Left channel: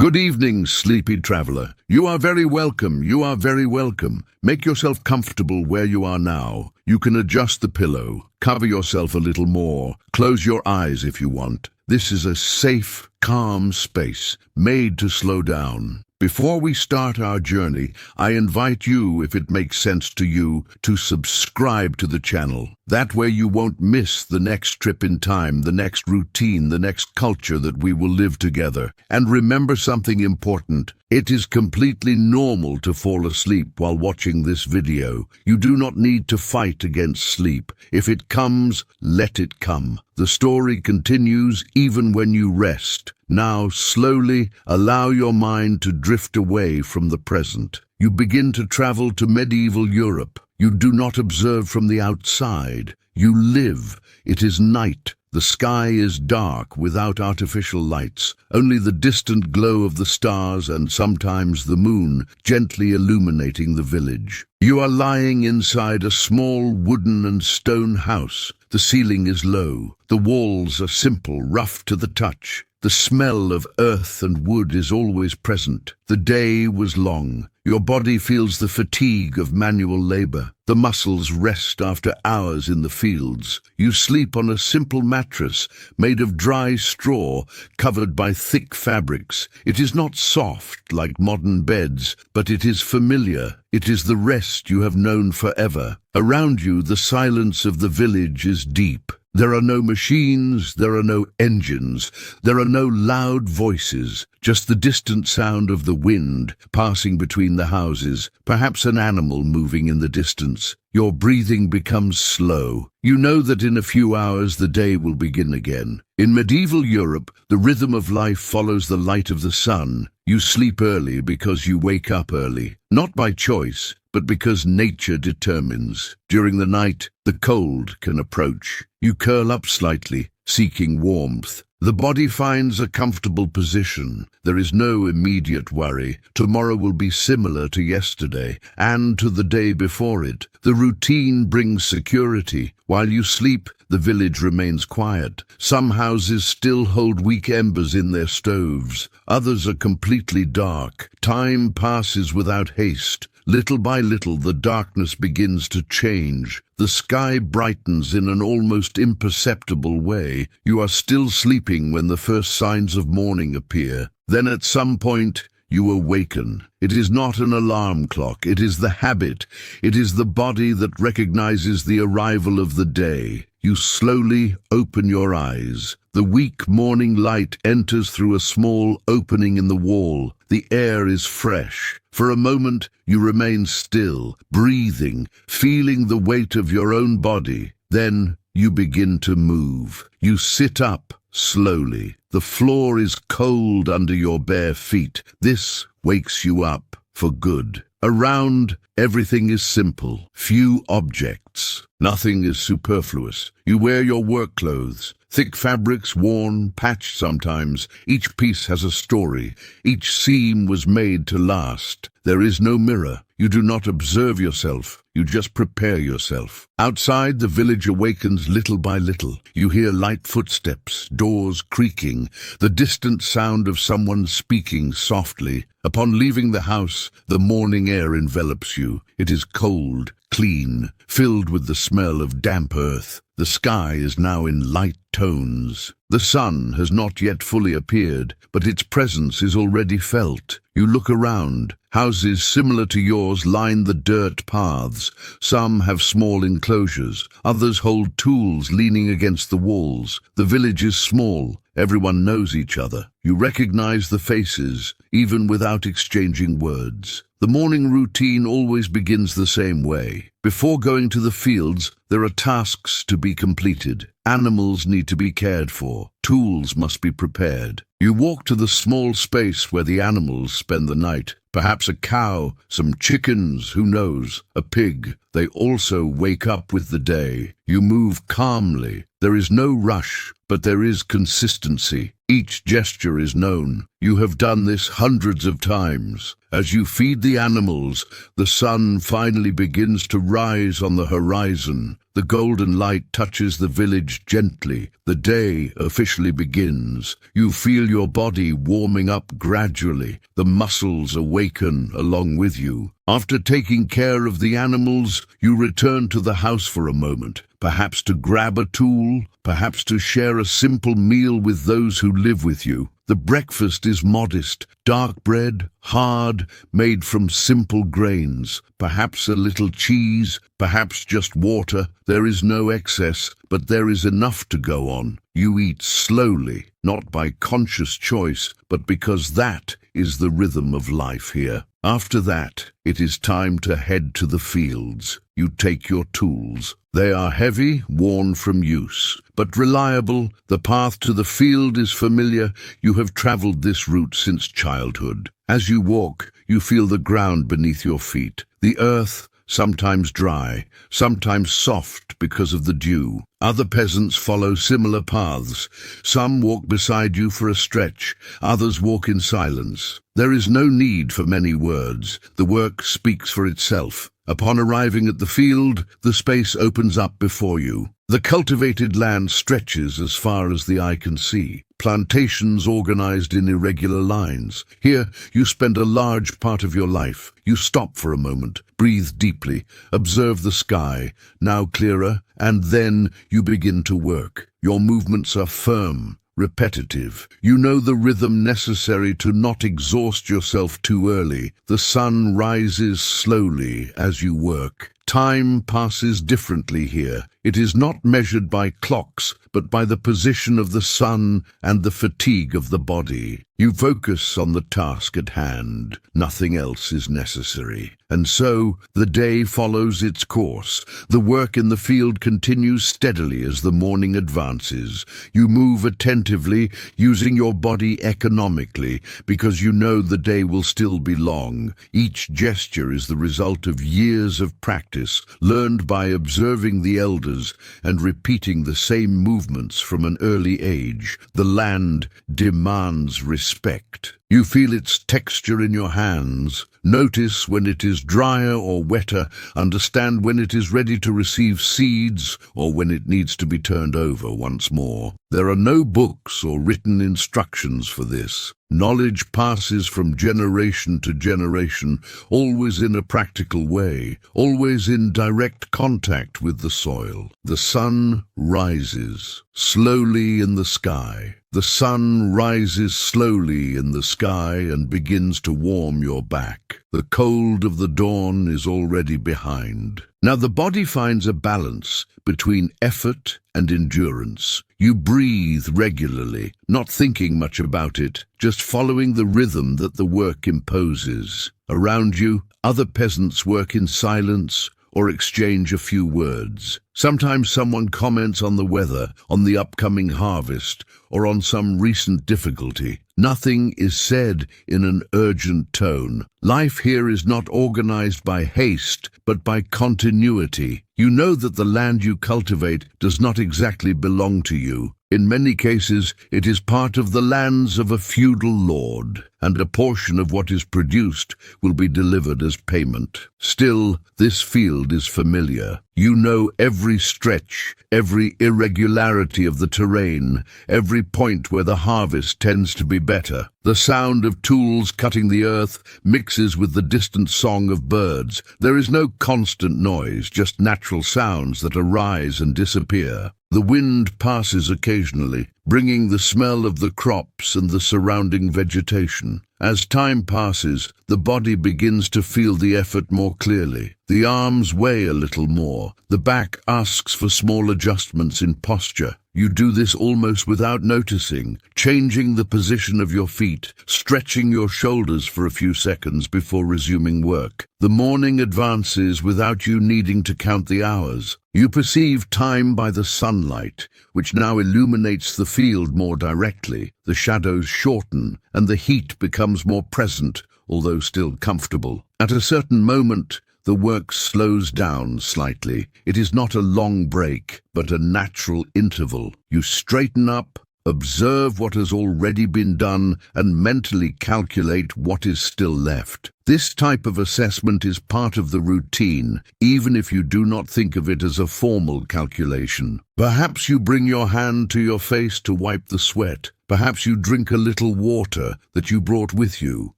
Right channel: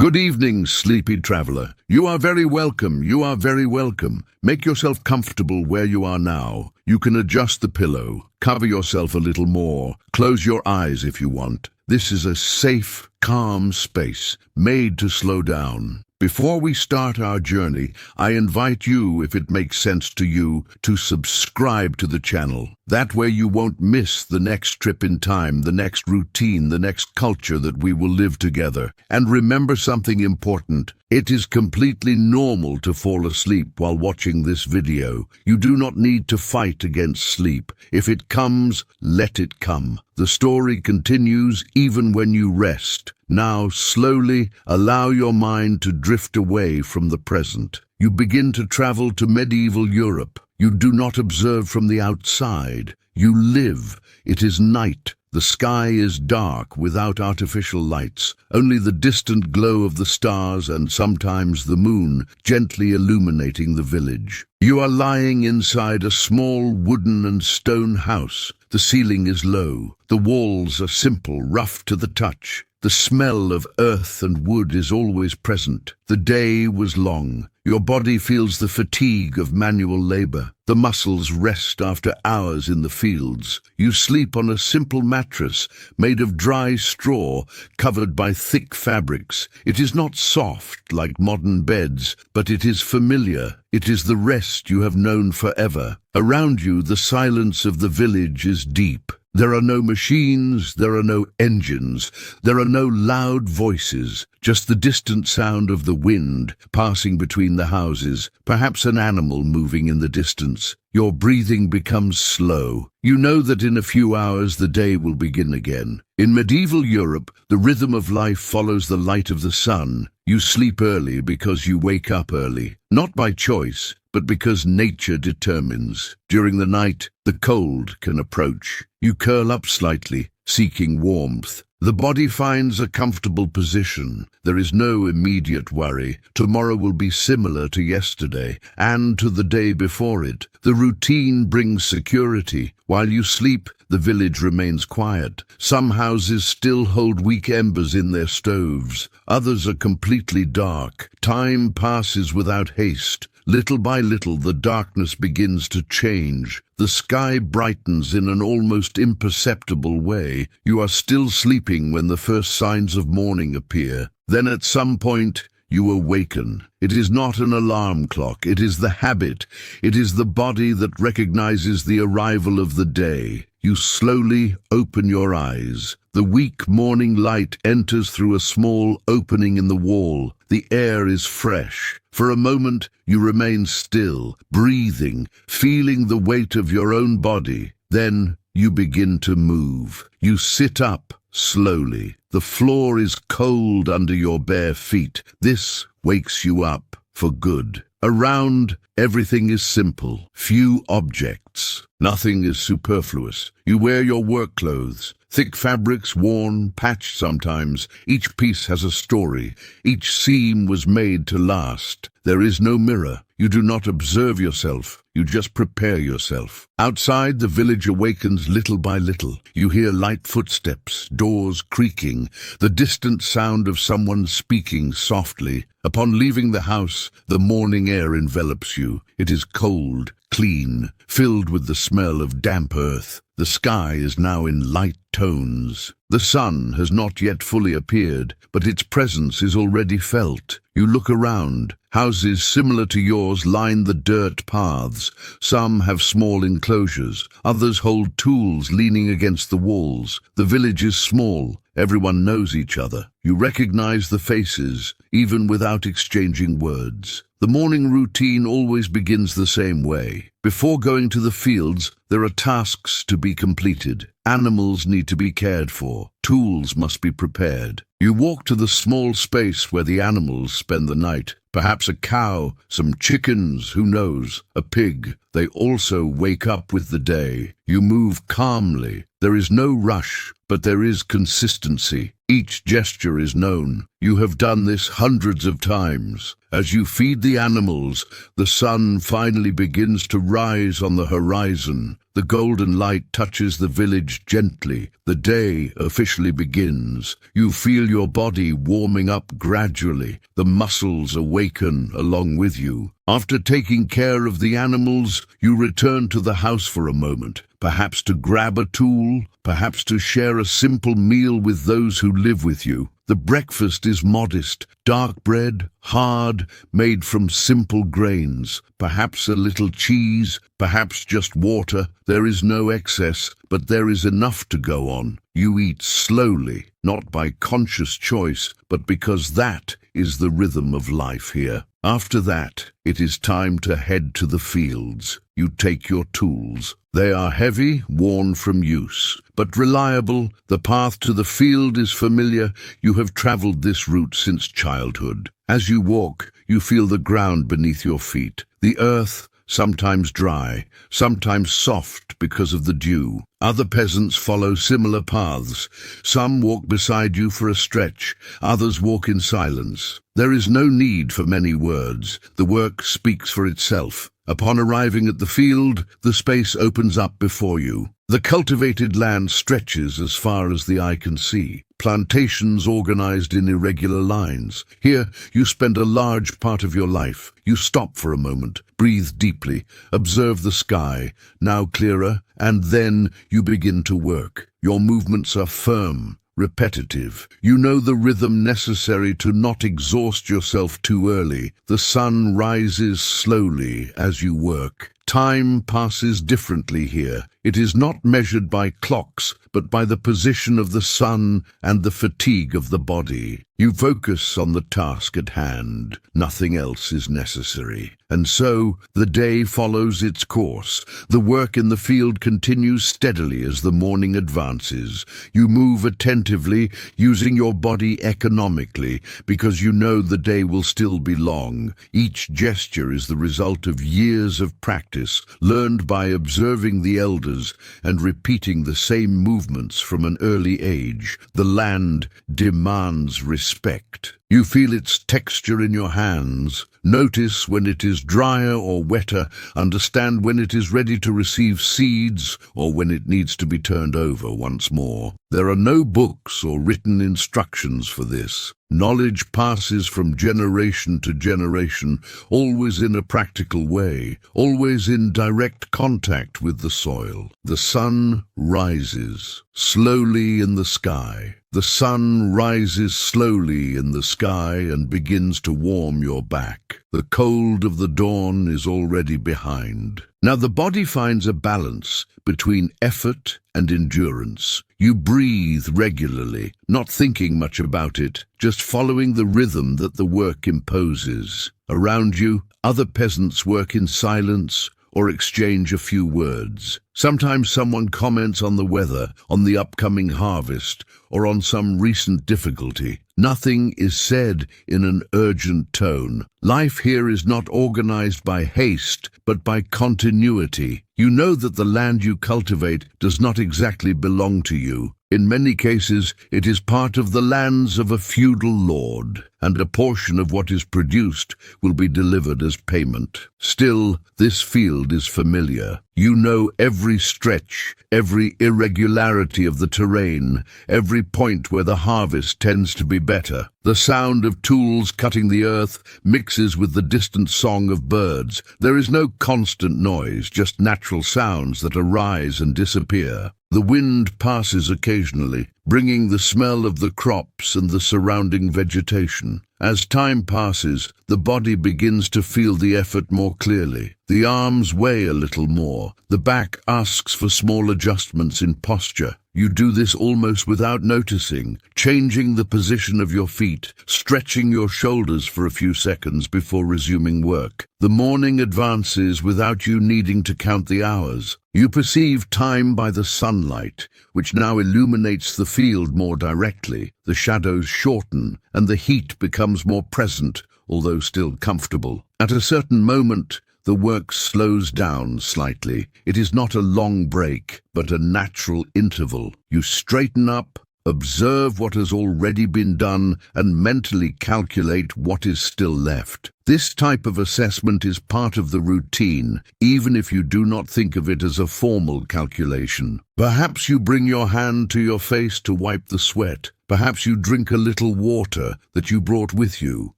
Good evening, sleepy traveler. You are very welcome. You are very welcome. Make yourself comfortable where you are now. You can adjust the pillow. Cover yourself a little more. Close your eyes if you want. This is a safe, calm space, made to slow down. Before we start our journey, I invite you, if it makes sense to you, to subscribe to the channel. That way you won't miss the next trip in time, the next routine, the next culture that we will live together. And remember something important. It is completely normal to fall asleep while watching this video. You do not need to fight against sleep. If it comes, let it come. The story continues even when you rest. Now, slowly, allow your mind to drift away from the present. You begin to travel to medieval Europe. You do not observe from the outside. You live. It is night. The sky is dark without artificial lights, only the distant glow of the stars and sometimes the moon gently illuminating the village. You are lying inside a small wooden and stone house. The ceiling is low. The walls are simple, rough to the touch. The smell of earth and wood is always present. The day was long. Your body feels the fatigue of manual labor. The muscles rest after hours in the fields. You sleep on a simple mattress made of dry straw covered by thick fabrics. It is not soft like modern beds, but it is familiar. It is the rest you have known forever. Around you, the silence of the village is deep. There are no machines, there are no engines, there are no loud voices, just the distant sound of the wind passing between the houses, perhaps an animal moving in the distance. Your breathing becomes slow. You know that in a few hours the day will begin again. In medieval Europe, the rhythm of life follows the light of the sun. You sleep early because you wake up early, not by choice, but because nature determines. During the night, the cold can approach. You curl up slightly, seeking warmth. The body finds a comfortable position. There is no immediate worry. Tomorrow will be similar to yesterday and to the day before it. The routine brings security. While you sleep, the village remains quiet. Some houses still hold weak embers in their stoves. Others are completely dark. Time passes without haste. Little by little, the darkness begins to change. The sky brightens in an almost imperceptible way. You are still sleeping when the first signs of morning appear. Then at some point, you awaken. It is not an alarm clock. It is the habit. It is the body that recognizes the arrival of the day. You slowly open your eyes. The weak morning light enters through a small opening in the wall. The air is fresh. For a moment, you remain still, breathing, feeling the weight of your own body. Then you begin to move. You sit up slowly. The floor is cold under your bare feet. This wakes you up for good. Around, everything is simple. Few objects. Nothing is superfluous. You wear your work clothes. Thick fabrics, worn, patched sometimes. Each piece has a story. Each seam was made to last. There is no mirror. You do not observe yourself. You just prepare yourself. Outside, the village awakens little by little. You hear light footsteps, doors creaking, the distant sound of someone speaking softly. Upon leaving the house, the morning air envelops you. It is cold, clean, filled with the smell of damp earth. The sky is now in light tones. The sun has not yet fully appeared, but its presence is already felt. You look around. Houses similar to yours line the dirt paths. Some have small enclosures. Others hold tools leaning against the walls. The village is small. Everyone knows each other. You recognize the faces, even without exchanging words. The morning routine always begins the same way. Before going to the fields, there are tasks to be completed. Animals need to be cared for. Tools must be prepared. You walk to the small space where the animals spend the night. Perhaps a cow, some chickens, who knows, a pig. They also wake up with the day. You move calmly. There is no rush, but there is consistency. Each gesture is known. You have done this hundreds of times. As you feed the animals, the sun finally begins to rise on the horizon. The golden light touches the village gently. The day officially officially begins. You feel your body warming up gradually. The muscles awaken along with you. After taking care of the animals, you return to the house for a moment, perhaps to grab a tool, perhaps to share a simple meal with those who live with you. The breakfast is modest, dark bread, hard, made from simple grains, perhaps a little cheese, perhaps just water. There is no excess, but there is enough to go on. You eat slowly, not by conscious choice, but because that is the rhythm of life here. After that, it is time to head to the fields. You take your tools. They are heavy, worn from use, but reliable. The path to the field is familiar. You have traveled this route since childhood. As you walk, you feel the ground beneath your feet. The earth, sometimes dry, sometimes soft because of the dew. Other peasants follow similar paths. Some walk beside you for a stretch, others walk in silence. There is no need for many words. The work speaks for itself. Upon arriving at the field, the space opens up before you. The cultivated land stretches as far as the eye can see. Plantations organized in irregular lines. Here, you spend a large part of your life. You stop for a moment, breathe deeply, observe the sky, now clearer, and then you begin to work. Your movements are firm, repetitive. You know the rhythm necessary to not exhaust yourself too early. The sun rises slowly as you work. Time passes differently here. It is not measured by clocks, but by the position of the sun and the fatigue of the body. You focus on the task at hand. Nothing else is necessary. And so, the day follows its course. The work in the field continues steadily as the morning advances. You move attentively, using your body economically, because you know the day will still be long. Each gesture is the result of years of practice, learned by observing the elders and repeating the same movements from an early age. The land demands respect. You feel its texture in your hands. Notice when it is drier or wetter. Understand when it is ready to receive seeds or when it needs to be turned over once more. There are no books or written instructions for this. Knowledge passes from generation to generation, always in a practical way, always in direct contact with the soil. The sun rises slowly in the sky. The sun rises slowly in the sky and begins to warm your back. The cold of the dawn is already behind. Now the body finds a balance between effort and endurance. You breathe regularly, not thinking much about it, just following the rhythm that the work imposes. Around you, other peasants work in silence or exchange a few words. Sometimes someone comments on the weather, on the upcoming harvest, or on some recent difficulty. Nothing is said in an urgent tone. Life here is not organized by haste, but by continuity. You know that the land you cultivate does not exactly belong to you. In many cases, it is part of the lands of a feudal lord, and a portion of what is produced will be delivered as payment. Still, this field is familiar. You know every stretch, every irregularity of the terrain, every point where the harvest tends to be better. The sound of tools cutting the earth mixes with the distant song of birds. There is no constant noise, just natural sounds that arise and disappear. The wind passes occasionally, bringing the smell of the crops and the surrounding vegetation. As time passes, the body begins to feel the effort more clearly. The arms weigh a little more. The back asks for small adjustments in posture. You do this almost without noticing, changing the position of your feet, stretching your shoulders for a few seconds before resuming work. The morning advances without you needing to count the hours. You perceive time by the sunlight, which now illuminates the field more directly. The shadows shorten, and the heat becomes more present, although still comfortable. At a certain moment, the work slows down slightly. It is not a long break, but a natural interval. You straighten up, Observe what has already been done and mentally calculate what is still left. This type of assessment is part of the routine, even if you do not think of it as a formal calculation. Perhaps you bring your hand to your face to wipe the sweat. Perhaps you drink a little water that you brought with you.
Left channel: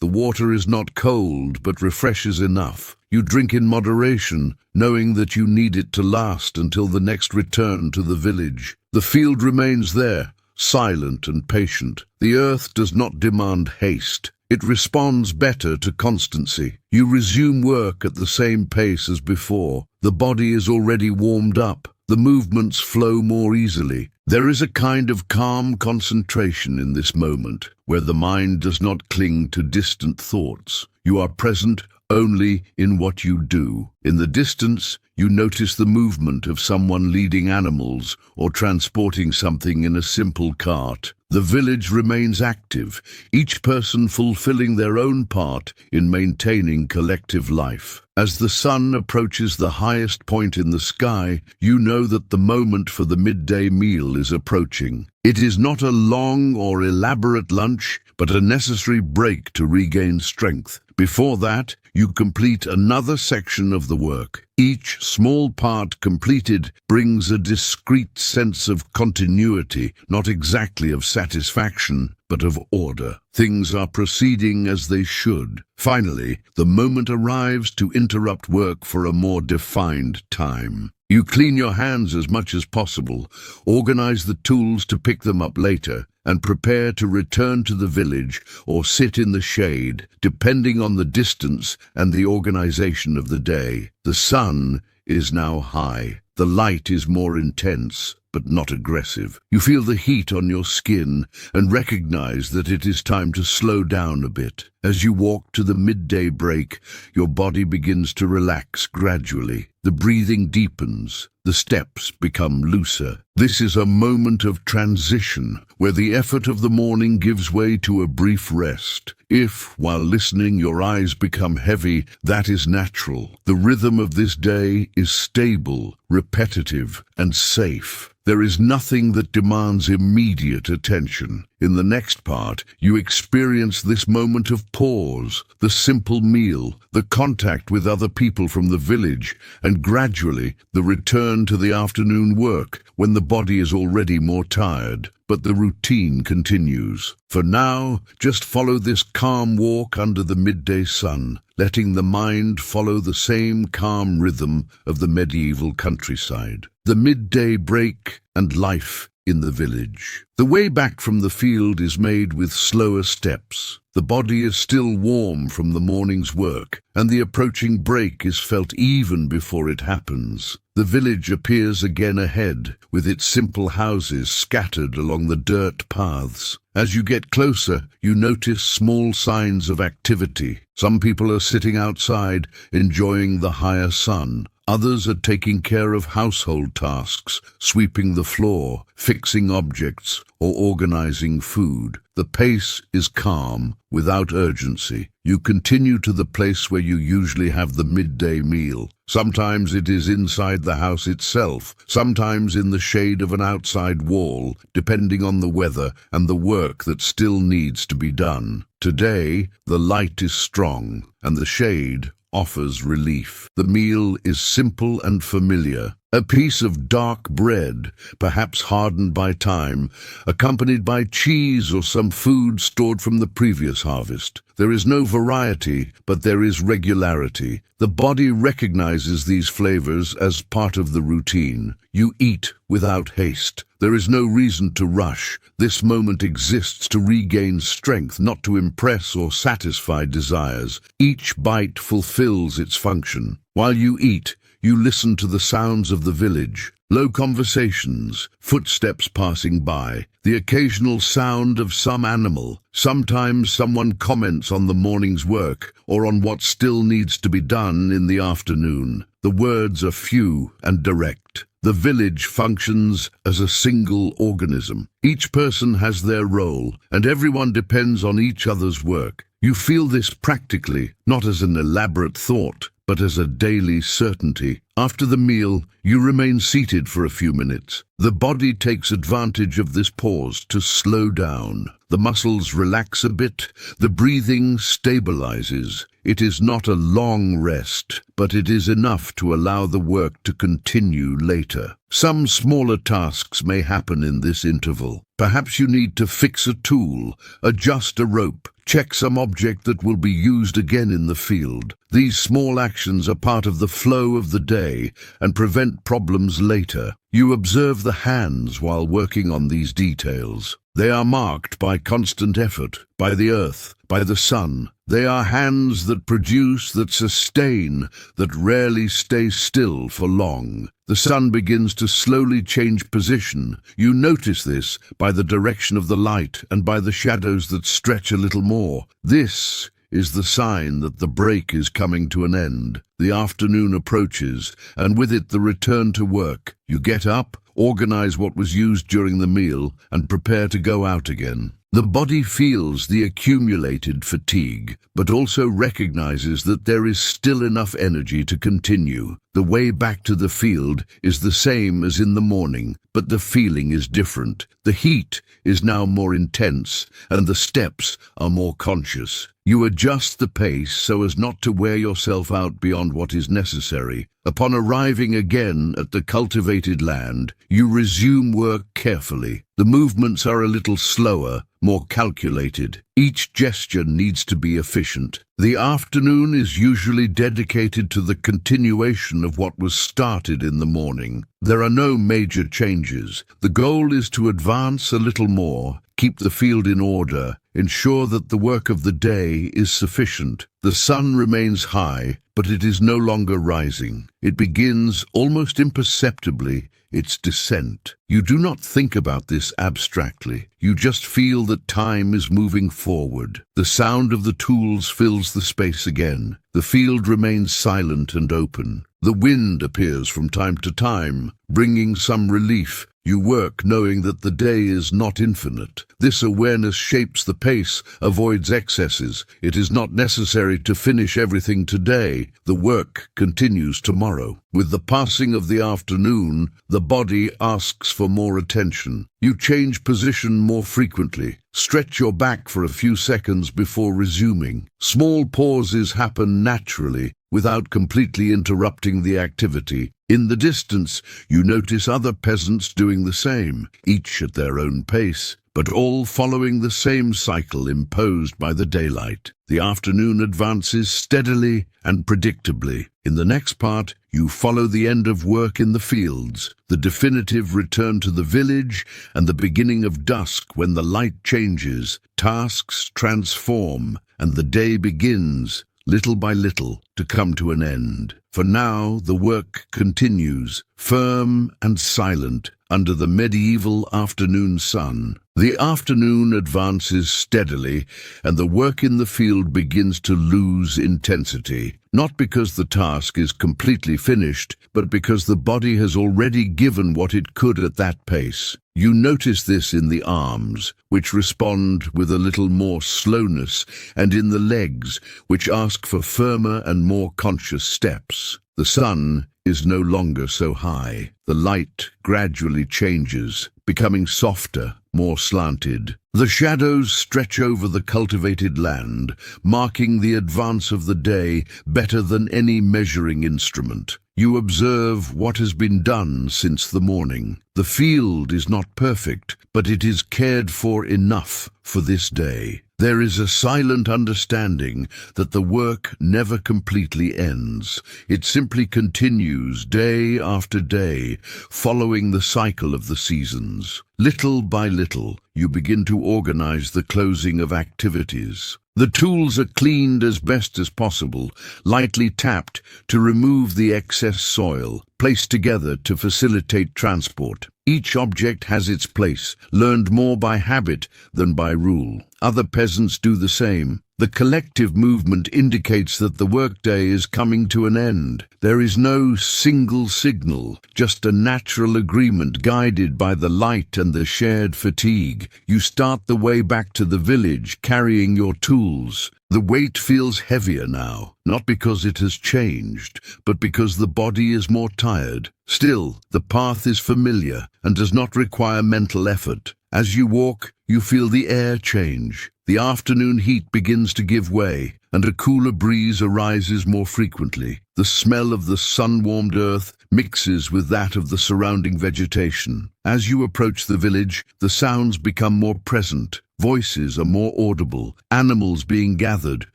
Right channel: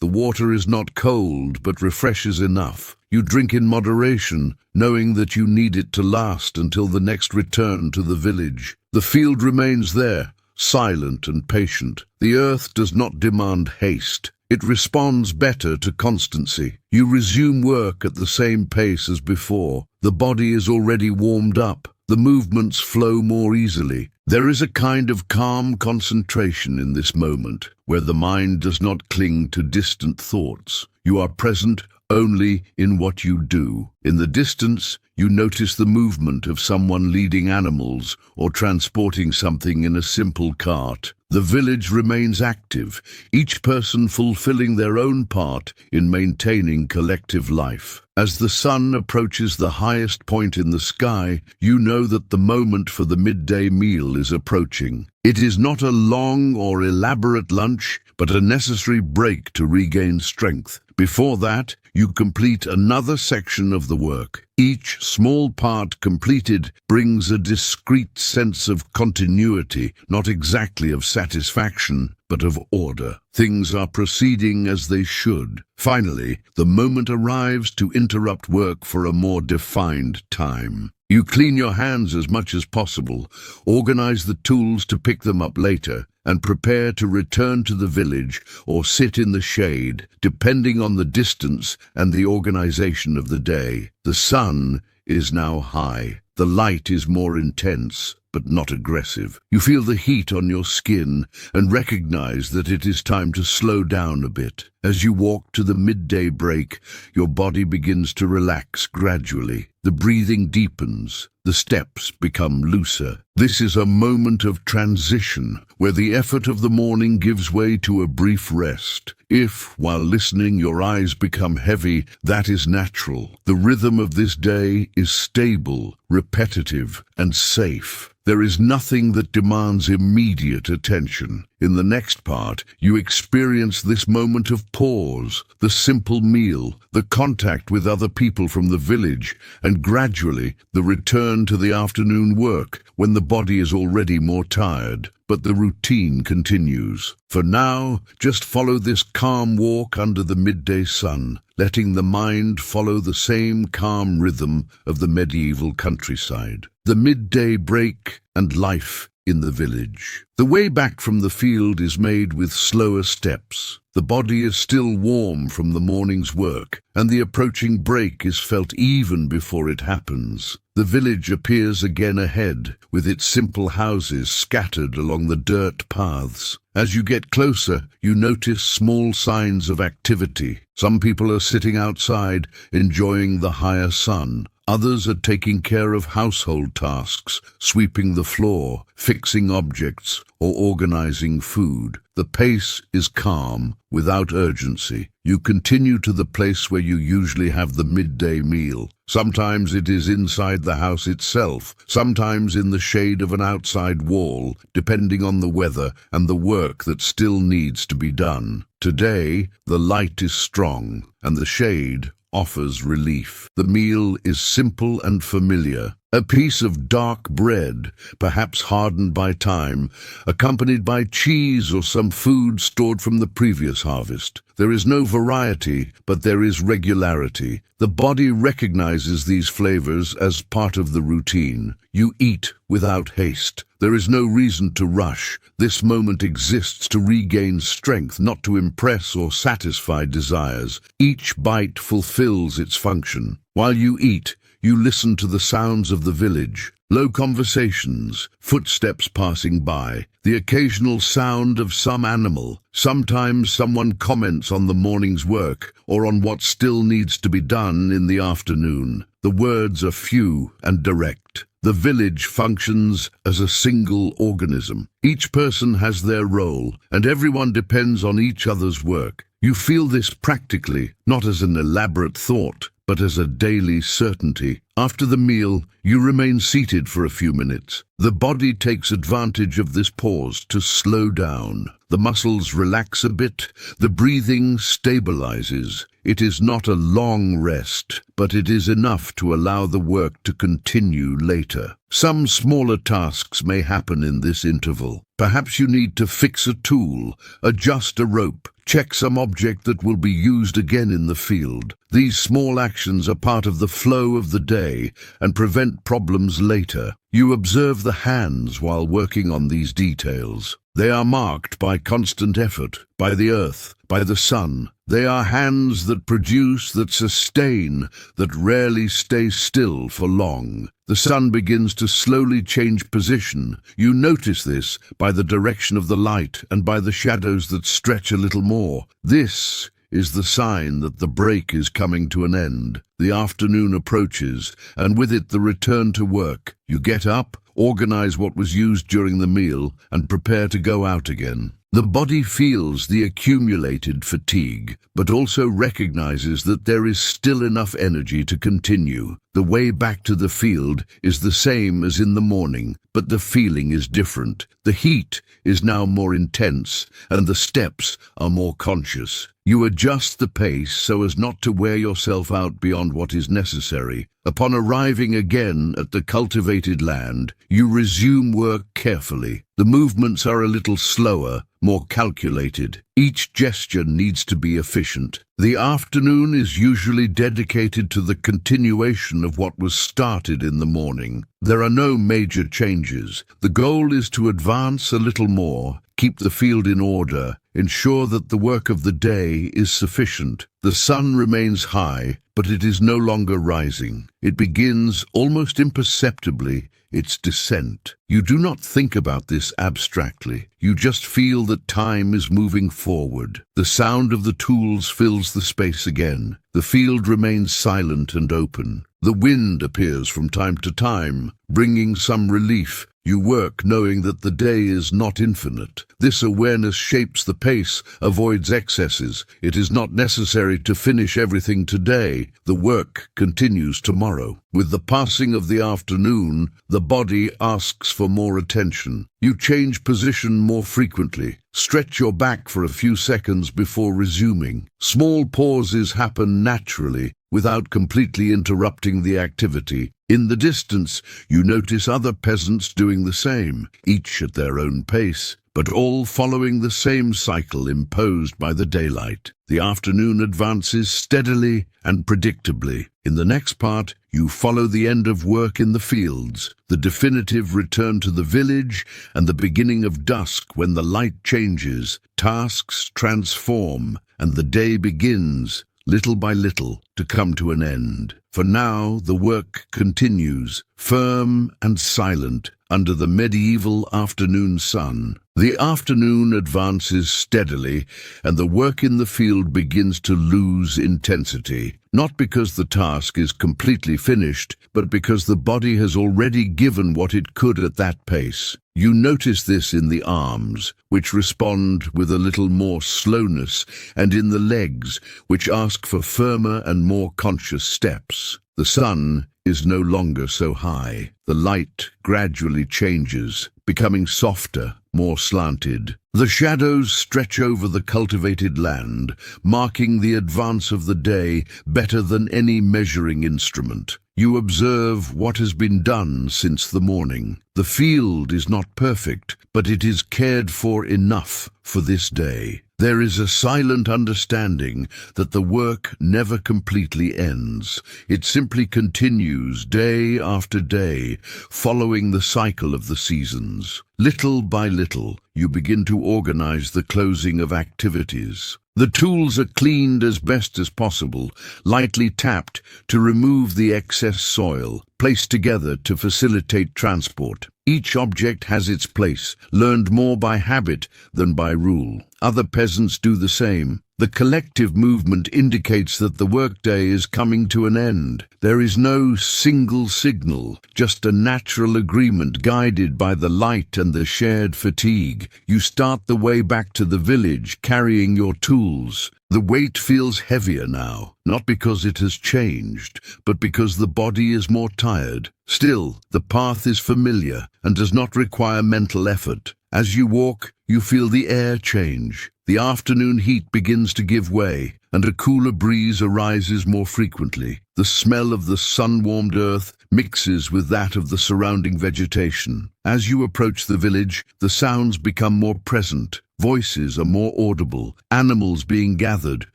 The water is not cold, but refreshes enough. You drink in moderation, knowing that you need it to last until the next return to the village. The field remains there, silent and patient. The earth does not demand haste. It responds better to constancy. You resume work at the same pace as before. The body is already warmed up. The movements flow more easily. There is a kind of calm concentration in this moment, where the mind does not cling to distant thoughts. You are present only in what you do. In the distance, you notice the movement of someone leading animals or transporting something in a simple cart. The village remains active, each person fulfilling their own part in maintaining collective life. As the sun approaches the highest point in the sky, you know that the moment for the midday meal is approaching. It is not a long or elaborate lunch, but a necessary break to regain strength. Before that, you complete another section of the work. Each small part completed brings a discrete sense of continuity, not exactly of satisfaction, but of order. Things are proceeding as they should. Finally, the moment arrives to interrupt work for a more defined time. You clean your hands as much as possible, organize the tools to pick them up later, and prepare to return to the village or sit in the shade, depending on the distance and the organization of the day. The sun is now high. The light is more intense, but not aggressive. You feel the heat on your skin and recognize that it is time to slow down a bit. As you walk to the midday break, your body begins to relax gradually. The breathing deepens. The steps become looser. This is a moment of transition, where the effort of the morning gives way to a brief rest. If, while listening, your eyes become heavy, that is natural. The rhythm of this day is stable, repetitive, and safe. There is nothing that demands immediate attention. In the next part, you experience this moment of pause, the simple meal, the contact with other people from the village, and gradually the return to the afternoon work, when the body is already more tired. But the routine continues. For now, just follow this calm walk under the midday sun, letting the mind follow the same calm rhythm of the medieval countryside. The midday break and life in the village. The way back from the field is made with slower steps. The body is still warm from the morning's work, and the approaching break is felt even before it happens. The village appears again ahead, with its simple houses scattered along the dirt paths. As you get closer, you notice small signs of activity. Some people are sitting outside, enjoying the higher sun. Others are taking care of household tasks, sweeping the floor, fixing objects, or organizing food. The pace is calm, without urgency. You continue to the place where you usually have the midday meal. Sometimes it is inside the house itself, sometimes in the shade of an outside wall, depending on the weather and the work that still needs to be done. Today, the light is strong, and the shade offers relief. The meal is simple and familiar. A piece of dark bread, perhaps hardened by time, accompanied by cheese or some food stored from the previous harvest. There is no variety, but there is regularity. The body recognizes these flavors as part of the routine. You eat without haste. There is no reason to rush. This moment exists to regain strength, not to impress or satisfy desires. Each bite fulfills its function. While you eat, you listen to the sounds of the village, low conversations, footsteps passing by, the occasional sound of some animal. Sometimes someone comments on the morning's work or on what still needs to be done in the afternoon. The words are few and direct. The village functions as a single organism. Each person has their role, and everyone depends on each other's work. You feel this practically, not as an elaborate thought, but as a daily certainty. After the meal, you remain seated for a few minutes. The body takes advantage of this pause to slow down. The muscles relax a bit, the breathing stabilizes. It is not a long rest, but it is enough to allow the work to continue later. Some smaller tasks may happen in this interval. Perhaps you need to fix a tool, adjust a rope, check some object that will be used again in the field. These small actions are part of the flow of the day and prevent problems later. You observe the hands while working on these details. They are marked by constant effort, by the earth, by the sun. They are hands that produce, that sustain, that rarely stay still for long. The sun begins to slowly change position. You notice this by the direction of the light and by the shadows that stretch a little more. This is the sign that the break is coming to an end. The afternoon approaches, and with it the return to work. You get up, organize what was used during the meal, and prepare to go out again. The body feels the accumulated fatigue, but also recognizes that there is still enough energy to continue. The way back to the field is the same as in the morning, but the feeling is different. The heat is now more intense, and the steps are more conscious. You adjust the pace so as not to wear yourself out beyond what is necessary. Upon arriving again at the cultivated land, you resume work carefully. The movements are a little slower, more calculated. Each gesture needs to be efficient. The afternoon is usually dedicated to the continuation of what was started in the morning. There are no major changes. The goal is to advance a little more, keep the field in order, ensure that the work of the day is sufficient. The sun remains high, but it is no longer rising. It begins, almost imperceptibly, its descent. You do not think about this abstractly. You just feel that time is moving forward. The sound of the tools fills the space again. The field remains silent and open. The wind appears from time to time, bringing some relief. You work knowing that the day is not infinite. This awareness shapes the pace, avoids excesses. It is not necessary to finish everything today. The work continues tomorrow. With the passing of the afternoon, the body asks for more attention. You change position more frequently. Stretch your back for a few seconds before resuming. Small pauses happen naturally, without completely interrupting the activity. In the distance, you notice other peasants doing the same, each at their own pace, but all following the same cycle imposed by the daylight. The afternoon advances steadily and predictably. In the next part, you follow the end of work in the fields, the definitive return to the village, and the beginning of dusk when the light changes, tasks transform, and the day begins, little by little, to come to an end. For now, the work continues, firm and silent, under the medieval afternoon sun. The afternoon advances steadily, and the work in the field begins to lose intensity, not because the task is completely finished, but because the body has already given what it could at that pace. You notice this in the arms, which respond with a little more slowness, and in the legs, which ask for firmer and more conscious steps. The sun is no longer so high. The light gradually changes, becoming softer, more slanted. The shadows stretch over the cultivated land, marking the advance of the day better than any measuring instrument. You observe what has been done since the morning. The field is not perfect, but it is cared for enough for this day. There is a silent understanding that the work never completely ends. It simply continues day after day, following the cycle of the seasons. Little by little, you begin to organize the closing of activities. The tools are cleaned as best as possible, lightly tapped to remove the excess soil, placed together to facilitate transport. Each object has its place, learned more by habit than by rule. Other peasants do the same. The collective movement indicates that the workday is coming to an end. There is no single signal, just a natural agreement guided by the light and the shared fatigue. You start the way back to the village, carrying your tools. The weight feels heavier now, not because it has changed, but because the body is more tired. Still, the path is familiar and does not require mental effort. As you walk, you feel the air change. The afternoon heat begins to give way, and a cooler breeze arises more frequently. The smell of the sun-warmed earth mixes with that of the surrounding vegetation. As you approach the village, the sounds become more present. Voices are more audible, animals being gathered,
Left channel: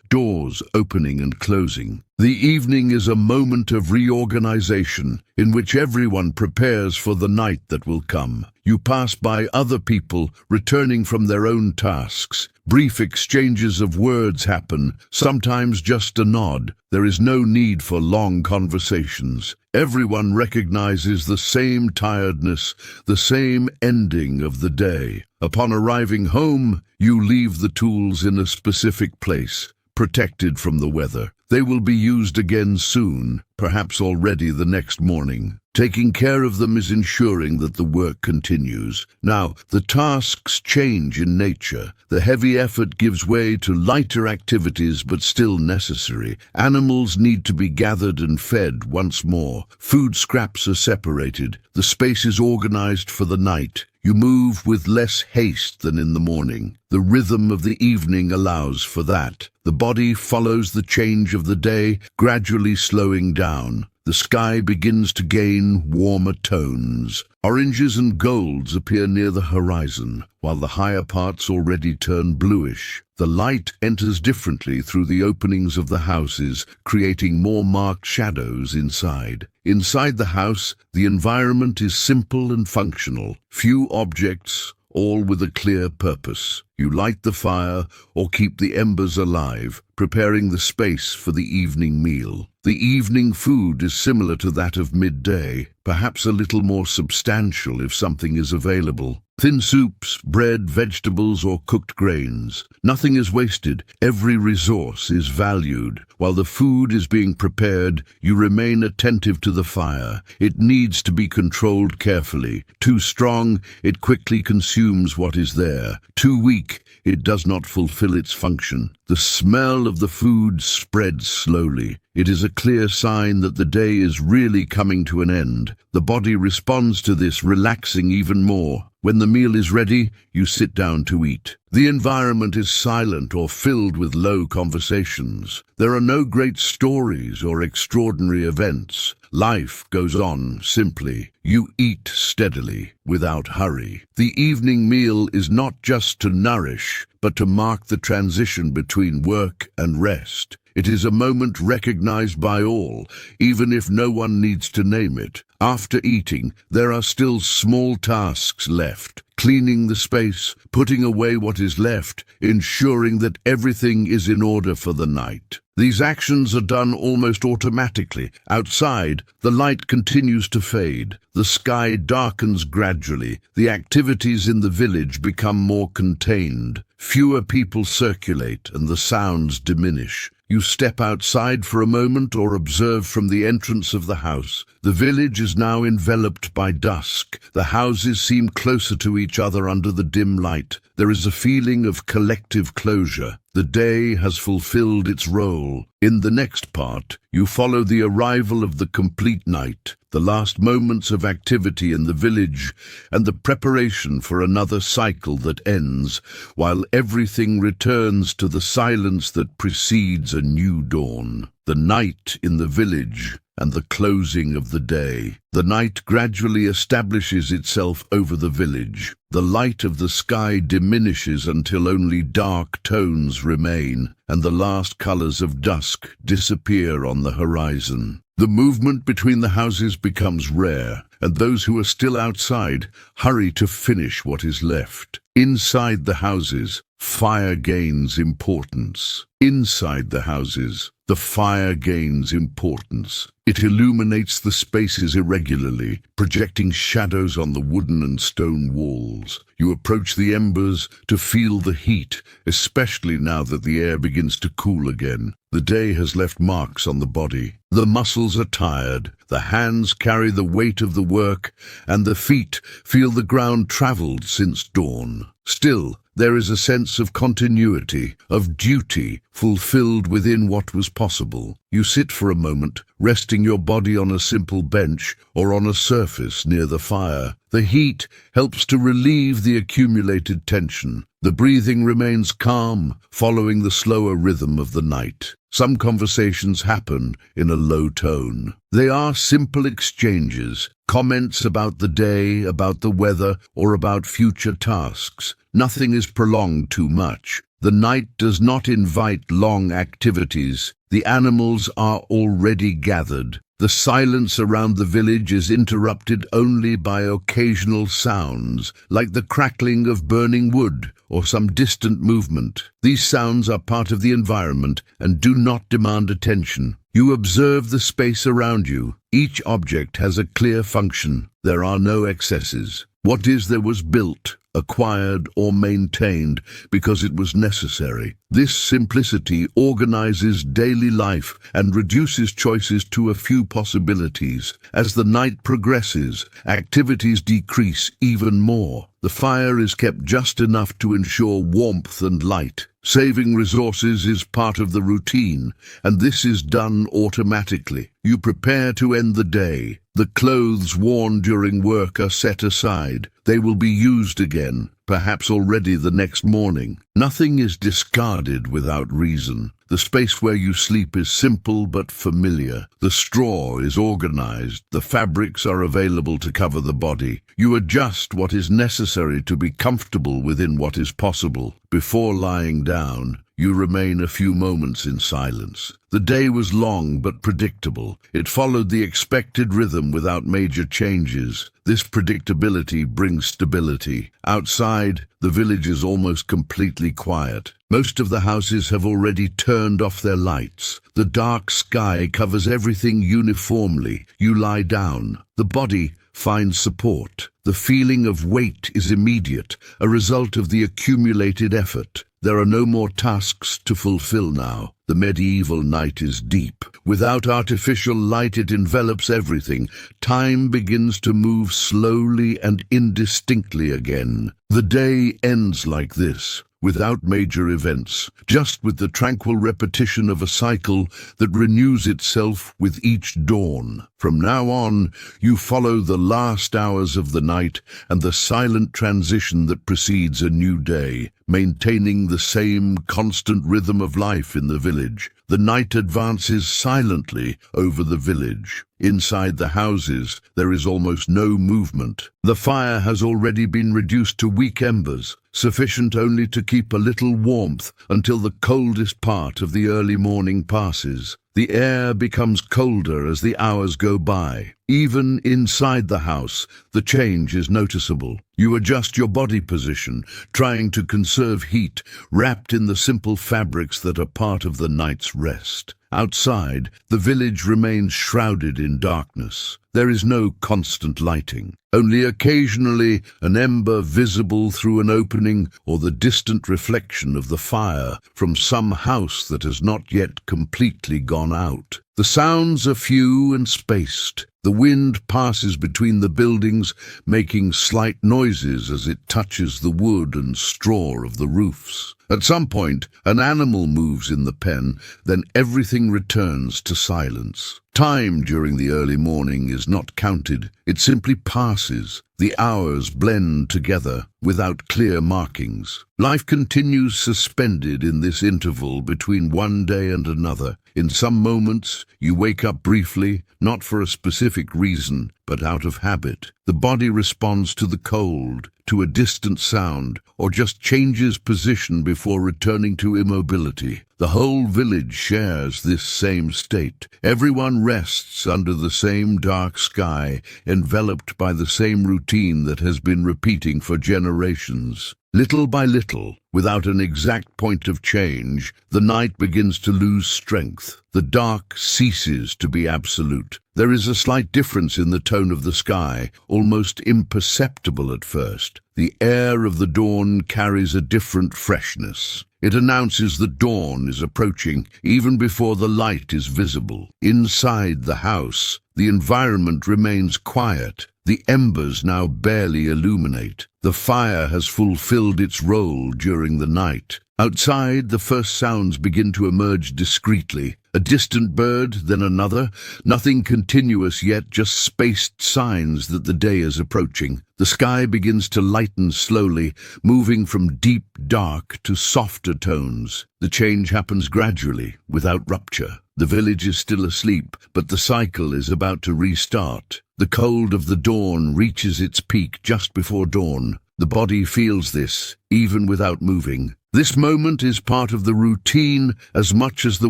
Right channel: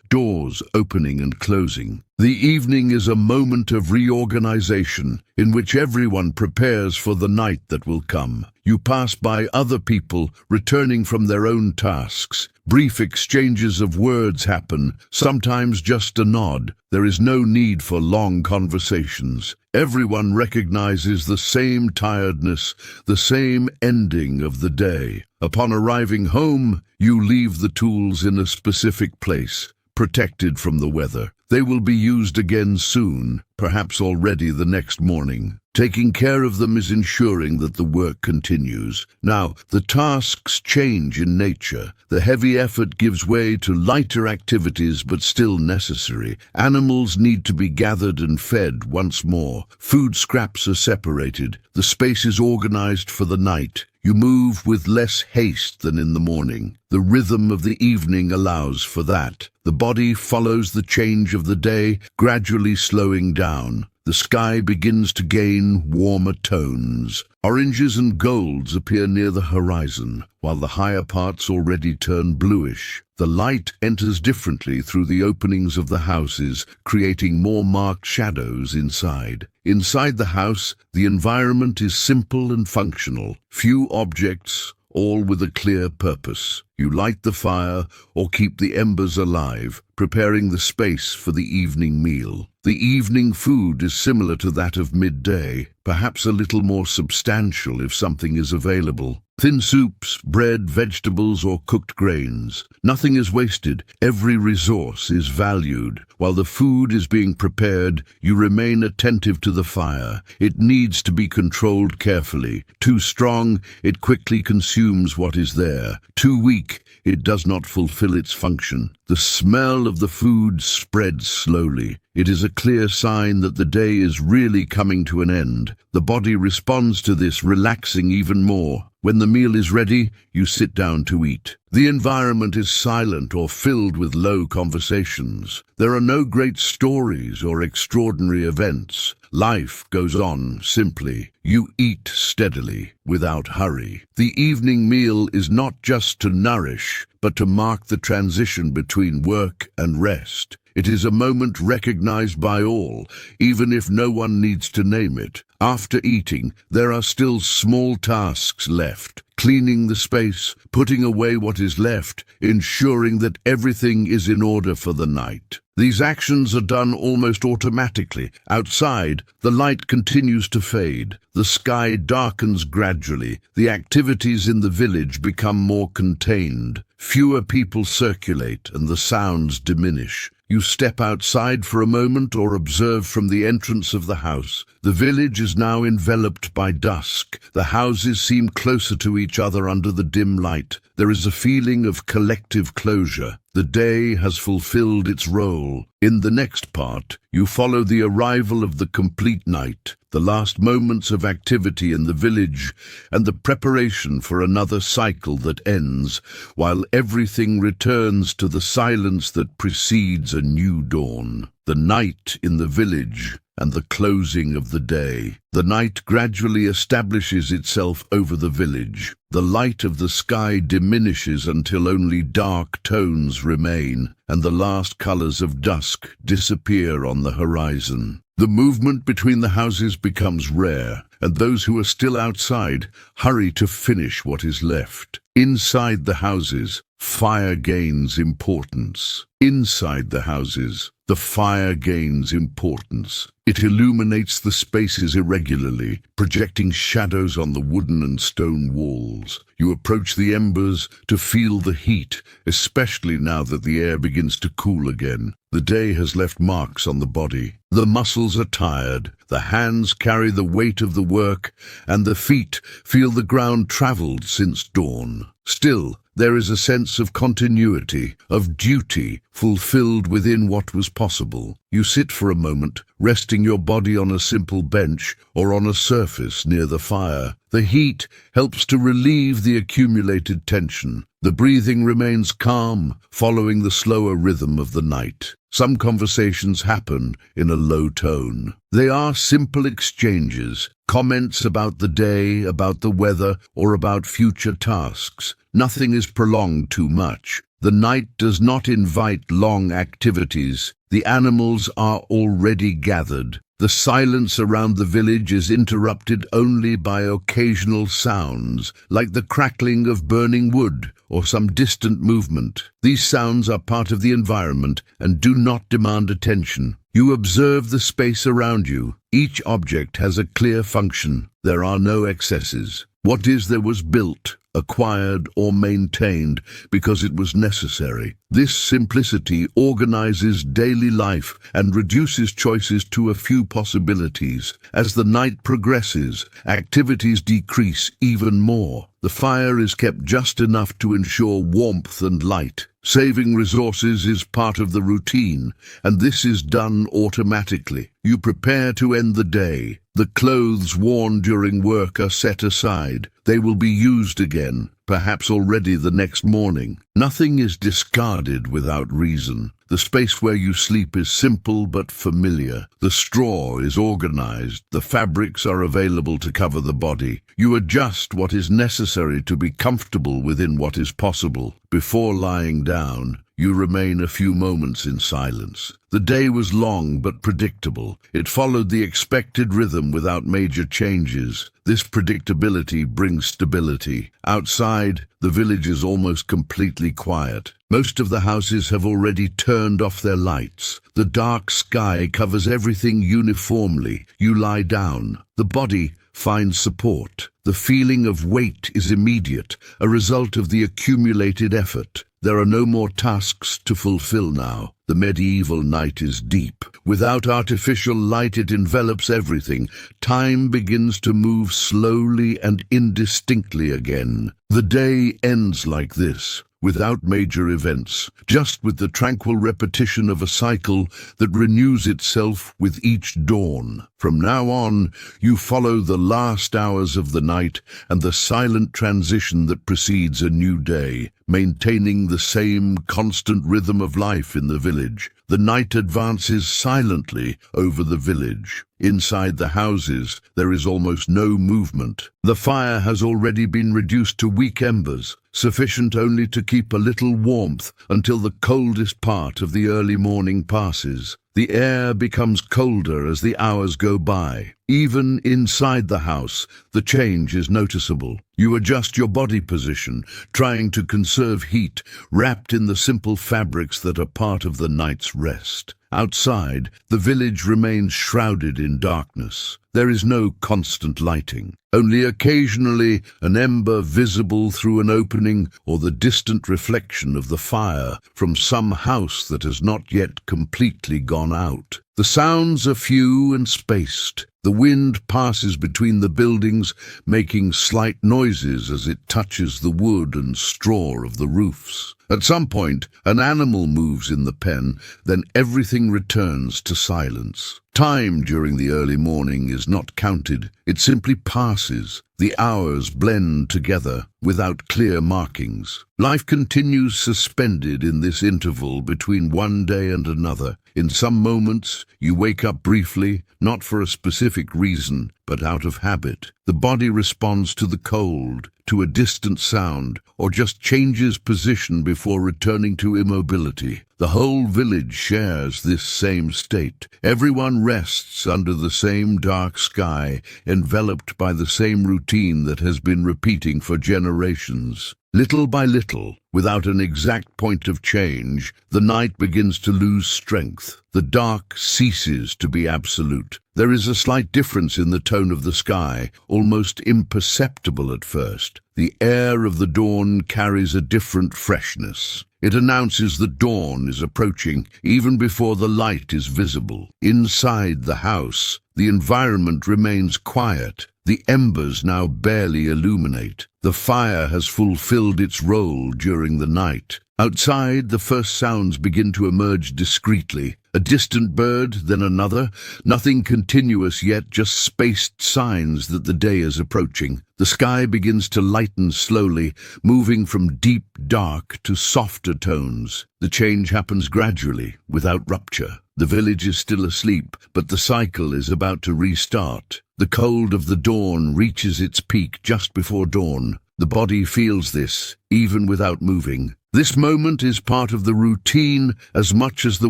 doors opening and closing. The evening is a moment of reorganization in which everyone prepares for the night that will come. You pass by other people returning from their own tasks. Brief exchanges of words happen, sometimes just a nod. There is no need for long conversations. Everyone recognizes the same tiredness, the same ending of the day. Upon arriving home, you leave the tools in a specific place, protected from the weather. They will be used again soon, perhaps already the next morning. Taking care of them is ensuring that the work continues. Now, the tasks change in nature. The heavy effort gives way to lighter activities but still necessary. Animals need to be gathered and fed once more. Food scraps are separated. The space is organized for the night. You move with less haste than in the morning. The rhythm of the evening allows for that. The body follows the change of the day, gradually slowing down. The sky begins to gain warmer tones. Oranges and golds appear near the horizon, while the higher parts already turn bluish. The light enters differently through the openings of the houses, creating more marked shadows inside. Inside the house, the environment is simple and functional. Few objects, all with a clear purpose. You light the fire or keep the embers alive, preparing the space for the evening meal. The evening food is similar to that of midday, perhaps a little more substantial if something is available. Thin soups, bread, vegetables, or cooked grains. Nothing is wasted. Every resource is valued. While the food is being prepared, you remain attentive to the fire. It needs to be controlled carefully. Too strong, it quickly consumes what is there. Too weak, it does not fulfill its function. The smell of the food spreads slowly. It is a clear sign that the day is really coming to an end. The body responds to this, relaxing even more. When the meal is ready, you sit down to eat. The environment is silent or filled with low conversations. There are no great stories or extraordinary events. Life goes on simply. You eat steadily, without hurry. The evening meal is not just to nourish, but to mark the transition between work and rest. It is a moment recognized by all, even if no one needs to name it. After eating, there are still small tasks left. Cleaning the space, putting away what is left, ensuring that everything is in order for the night. These actions are done almost automatically. Outside, the light continues to fade. The sky darkens gradually. The activities in the village become more contained. Fewer people circulate and the sounds diminish. You step outside for a moment or observe from the entrance of the house. The village is now enveloped by dusk. The houses seem closer to each other under the dim light. There is a feeling of collective closure. The day has fulfilled its role. In the next part, you follow the arrival of the complete night, the last moments of activity in the village, and the preparation for another cycle that ends, while everything returns to the silence that precedes a new dawn. The night in the village and the closing of the day. The night gradually establishes itself over the village. The light of the sky diminishes until only dark tones remain, and the last colors of dusk disappear on the horizon. The movement between the houses becomes rare, and those who are still outside hurry to finish what is left. Inside the houses, Fire gains importance. Inside the houses, the fire gains importance. It illuminates the spaces irregularly, projecting shadows on the wooden and stone walls. You approach the embers to feel the heat, especially now that the air begins to cool again. The day has left marks on the body. The muscles are tired, the hands carry the weight of the work, and the feet feel the ground traveled since dawn. Still, there is a sense of continuity, of duty, fulfilled within what was possible. You sit for a moment, resting your body on a simple bench or on a surface near the fire. The heat helps to relieve the accumulated tension. The breathing remains calm, following the slower rhythm of the night. Some conversations happen in a low tone. They are simple exchanges, comments about the day, about the weather, or about future tasks. Nothing is prolonged too much. The night does not invite long activities. The animals are already gathered. The silence around the village is interrupted only by occasional sounds, like the crackling of burning wood or some distant movement. These sounds are part of the environment and do not demand attention. You observe the space around you. Each object has a clear function. There are no excesses. What is there was built, acquired, or maintained because it was necessary. This simplicity organizes daily life and reduces choices to a few possibilities. As the night progresses, activities decrease even more. The fire is kept just enough to ensure warmth and light. Saving resources is part of the routine, and this is done automatically. You prepare to end the day. The clothes worn during work are set aside. They will be used again, perhaps already the next morning. Nothing is discarded without reason. The space where you sleep is simple but familiar. The straw is organized. The fabrics are available to cover the body. You adjust what is necessary to be comfortable within what is possible. Before lying down, you remain a few moments in silence. The day was long but predictable. It followed the expected rhythm without major changes. This predictability brings stability. Outside, the village is almost completely quiet. Most of the houses have already turned off their lights. The dark sky covers everything uniformly. You lie down. The body finds support. The feeling of weight is immediate, a result of the accumulated effort. There are no more tasks to fulfill now. The medieval night is deep. Without artificial light, it envelops everything. Time begins to move slowly and indistinctly again. The day ends like this, without major events, just with the tranquil repetition of a cycle that renews itself with each dawn. From now on, you follow the last hours of the night and the silent transition that precedes a new day, maintaining the same constant rhythm of life in the village. The night advances silently over the village. Inside the houses, there is almost no movement. The fire has already been reduced to weak embers, sufficient only to keep a little warmth until the coldest part of the early morning passes. The air becomes colder as the hours go by. Even inside the house, the change is noticeable. You adjust your body position, trying to conserve heat, wrapped in the simple fabrics that are part of the night's rest. Outside, the village remains shrouded in darkness. There is no constant lighting. Only occasionally an ember visible through an opening or the distant reflection of the fire from some house that has not yet completely gone out. The sounds are few and spaced. The wind passes between the buildings, making slight noises as it touches the wood and straw of the roofs. At some point, an animal moves in the pen, then everything returns to silence. Time during the early morning is not counted, it simply passes. The hours blend together without clear markings. Life continues suspended in this interval between one day and another. In some moments, you wake up briefly, not for a specific reason, but out of habit. The body responds to the cold, to a distant sound, or just changes position before returning to immobility. The whole village shares this same state. Everyone rests under the same dark sky, enveloped by the same routine that has been repeating for generations. Little by little, without an exact point of change, the night begins to lose strength. The dark ceases to be absolute. There is a slight difference in the tone of the sky, almost imperceptible at first. The air of the dawn carries a different freshness. It announces that dawn is approaching, even before the light is visible. Inside the house, the environment remains quiet. The embers now barely illuminate. The fire has fulfilled its role during the night. Outside, the first sounds begin to emerge discreetly. A distant bird, then another. Nothing continuous yet, just spaced signs that the day is approaching. The sky begins to lighten slowly, moving from deep dark to softer tones. The change happens gradually, without rupture. The village is still asleep, but the cycle is about to restart. The cold of the dawn reaches its peak just before dawn. The body feels this, even without moving. This moment is part of the routine as much as the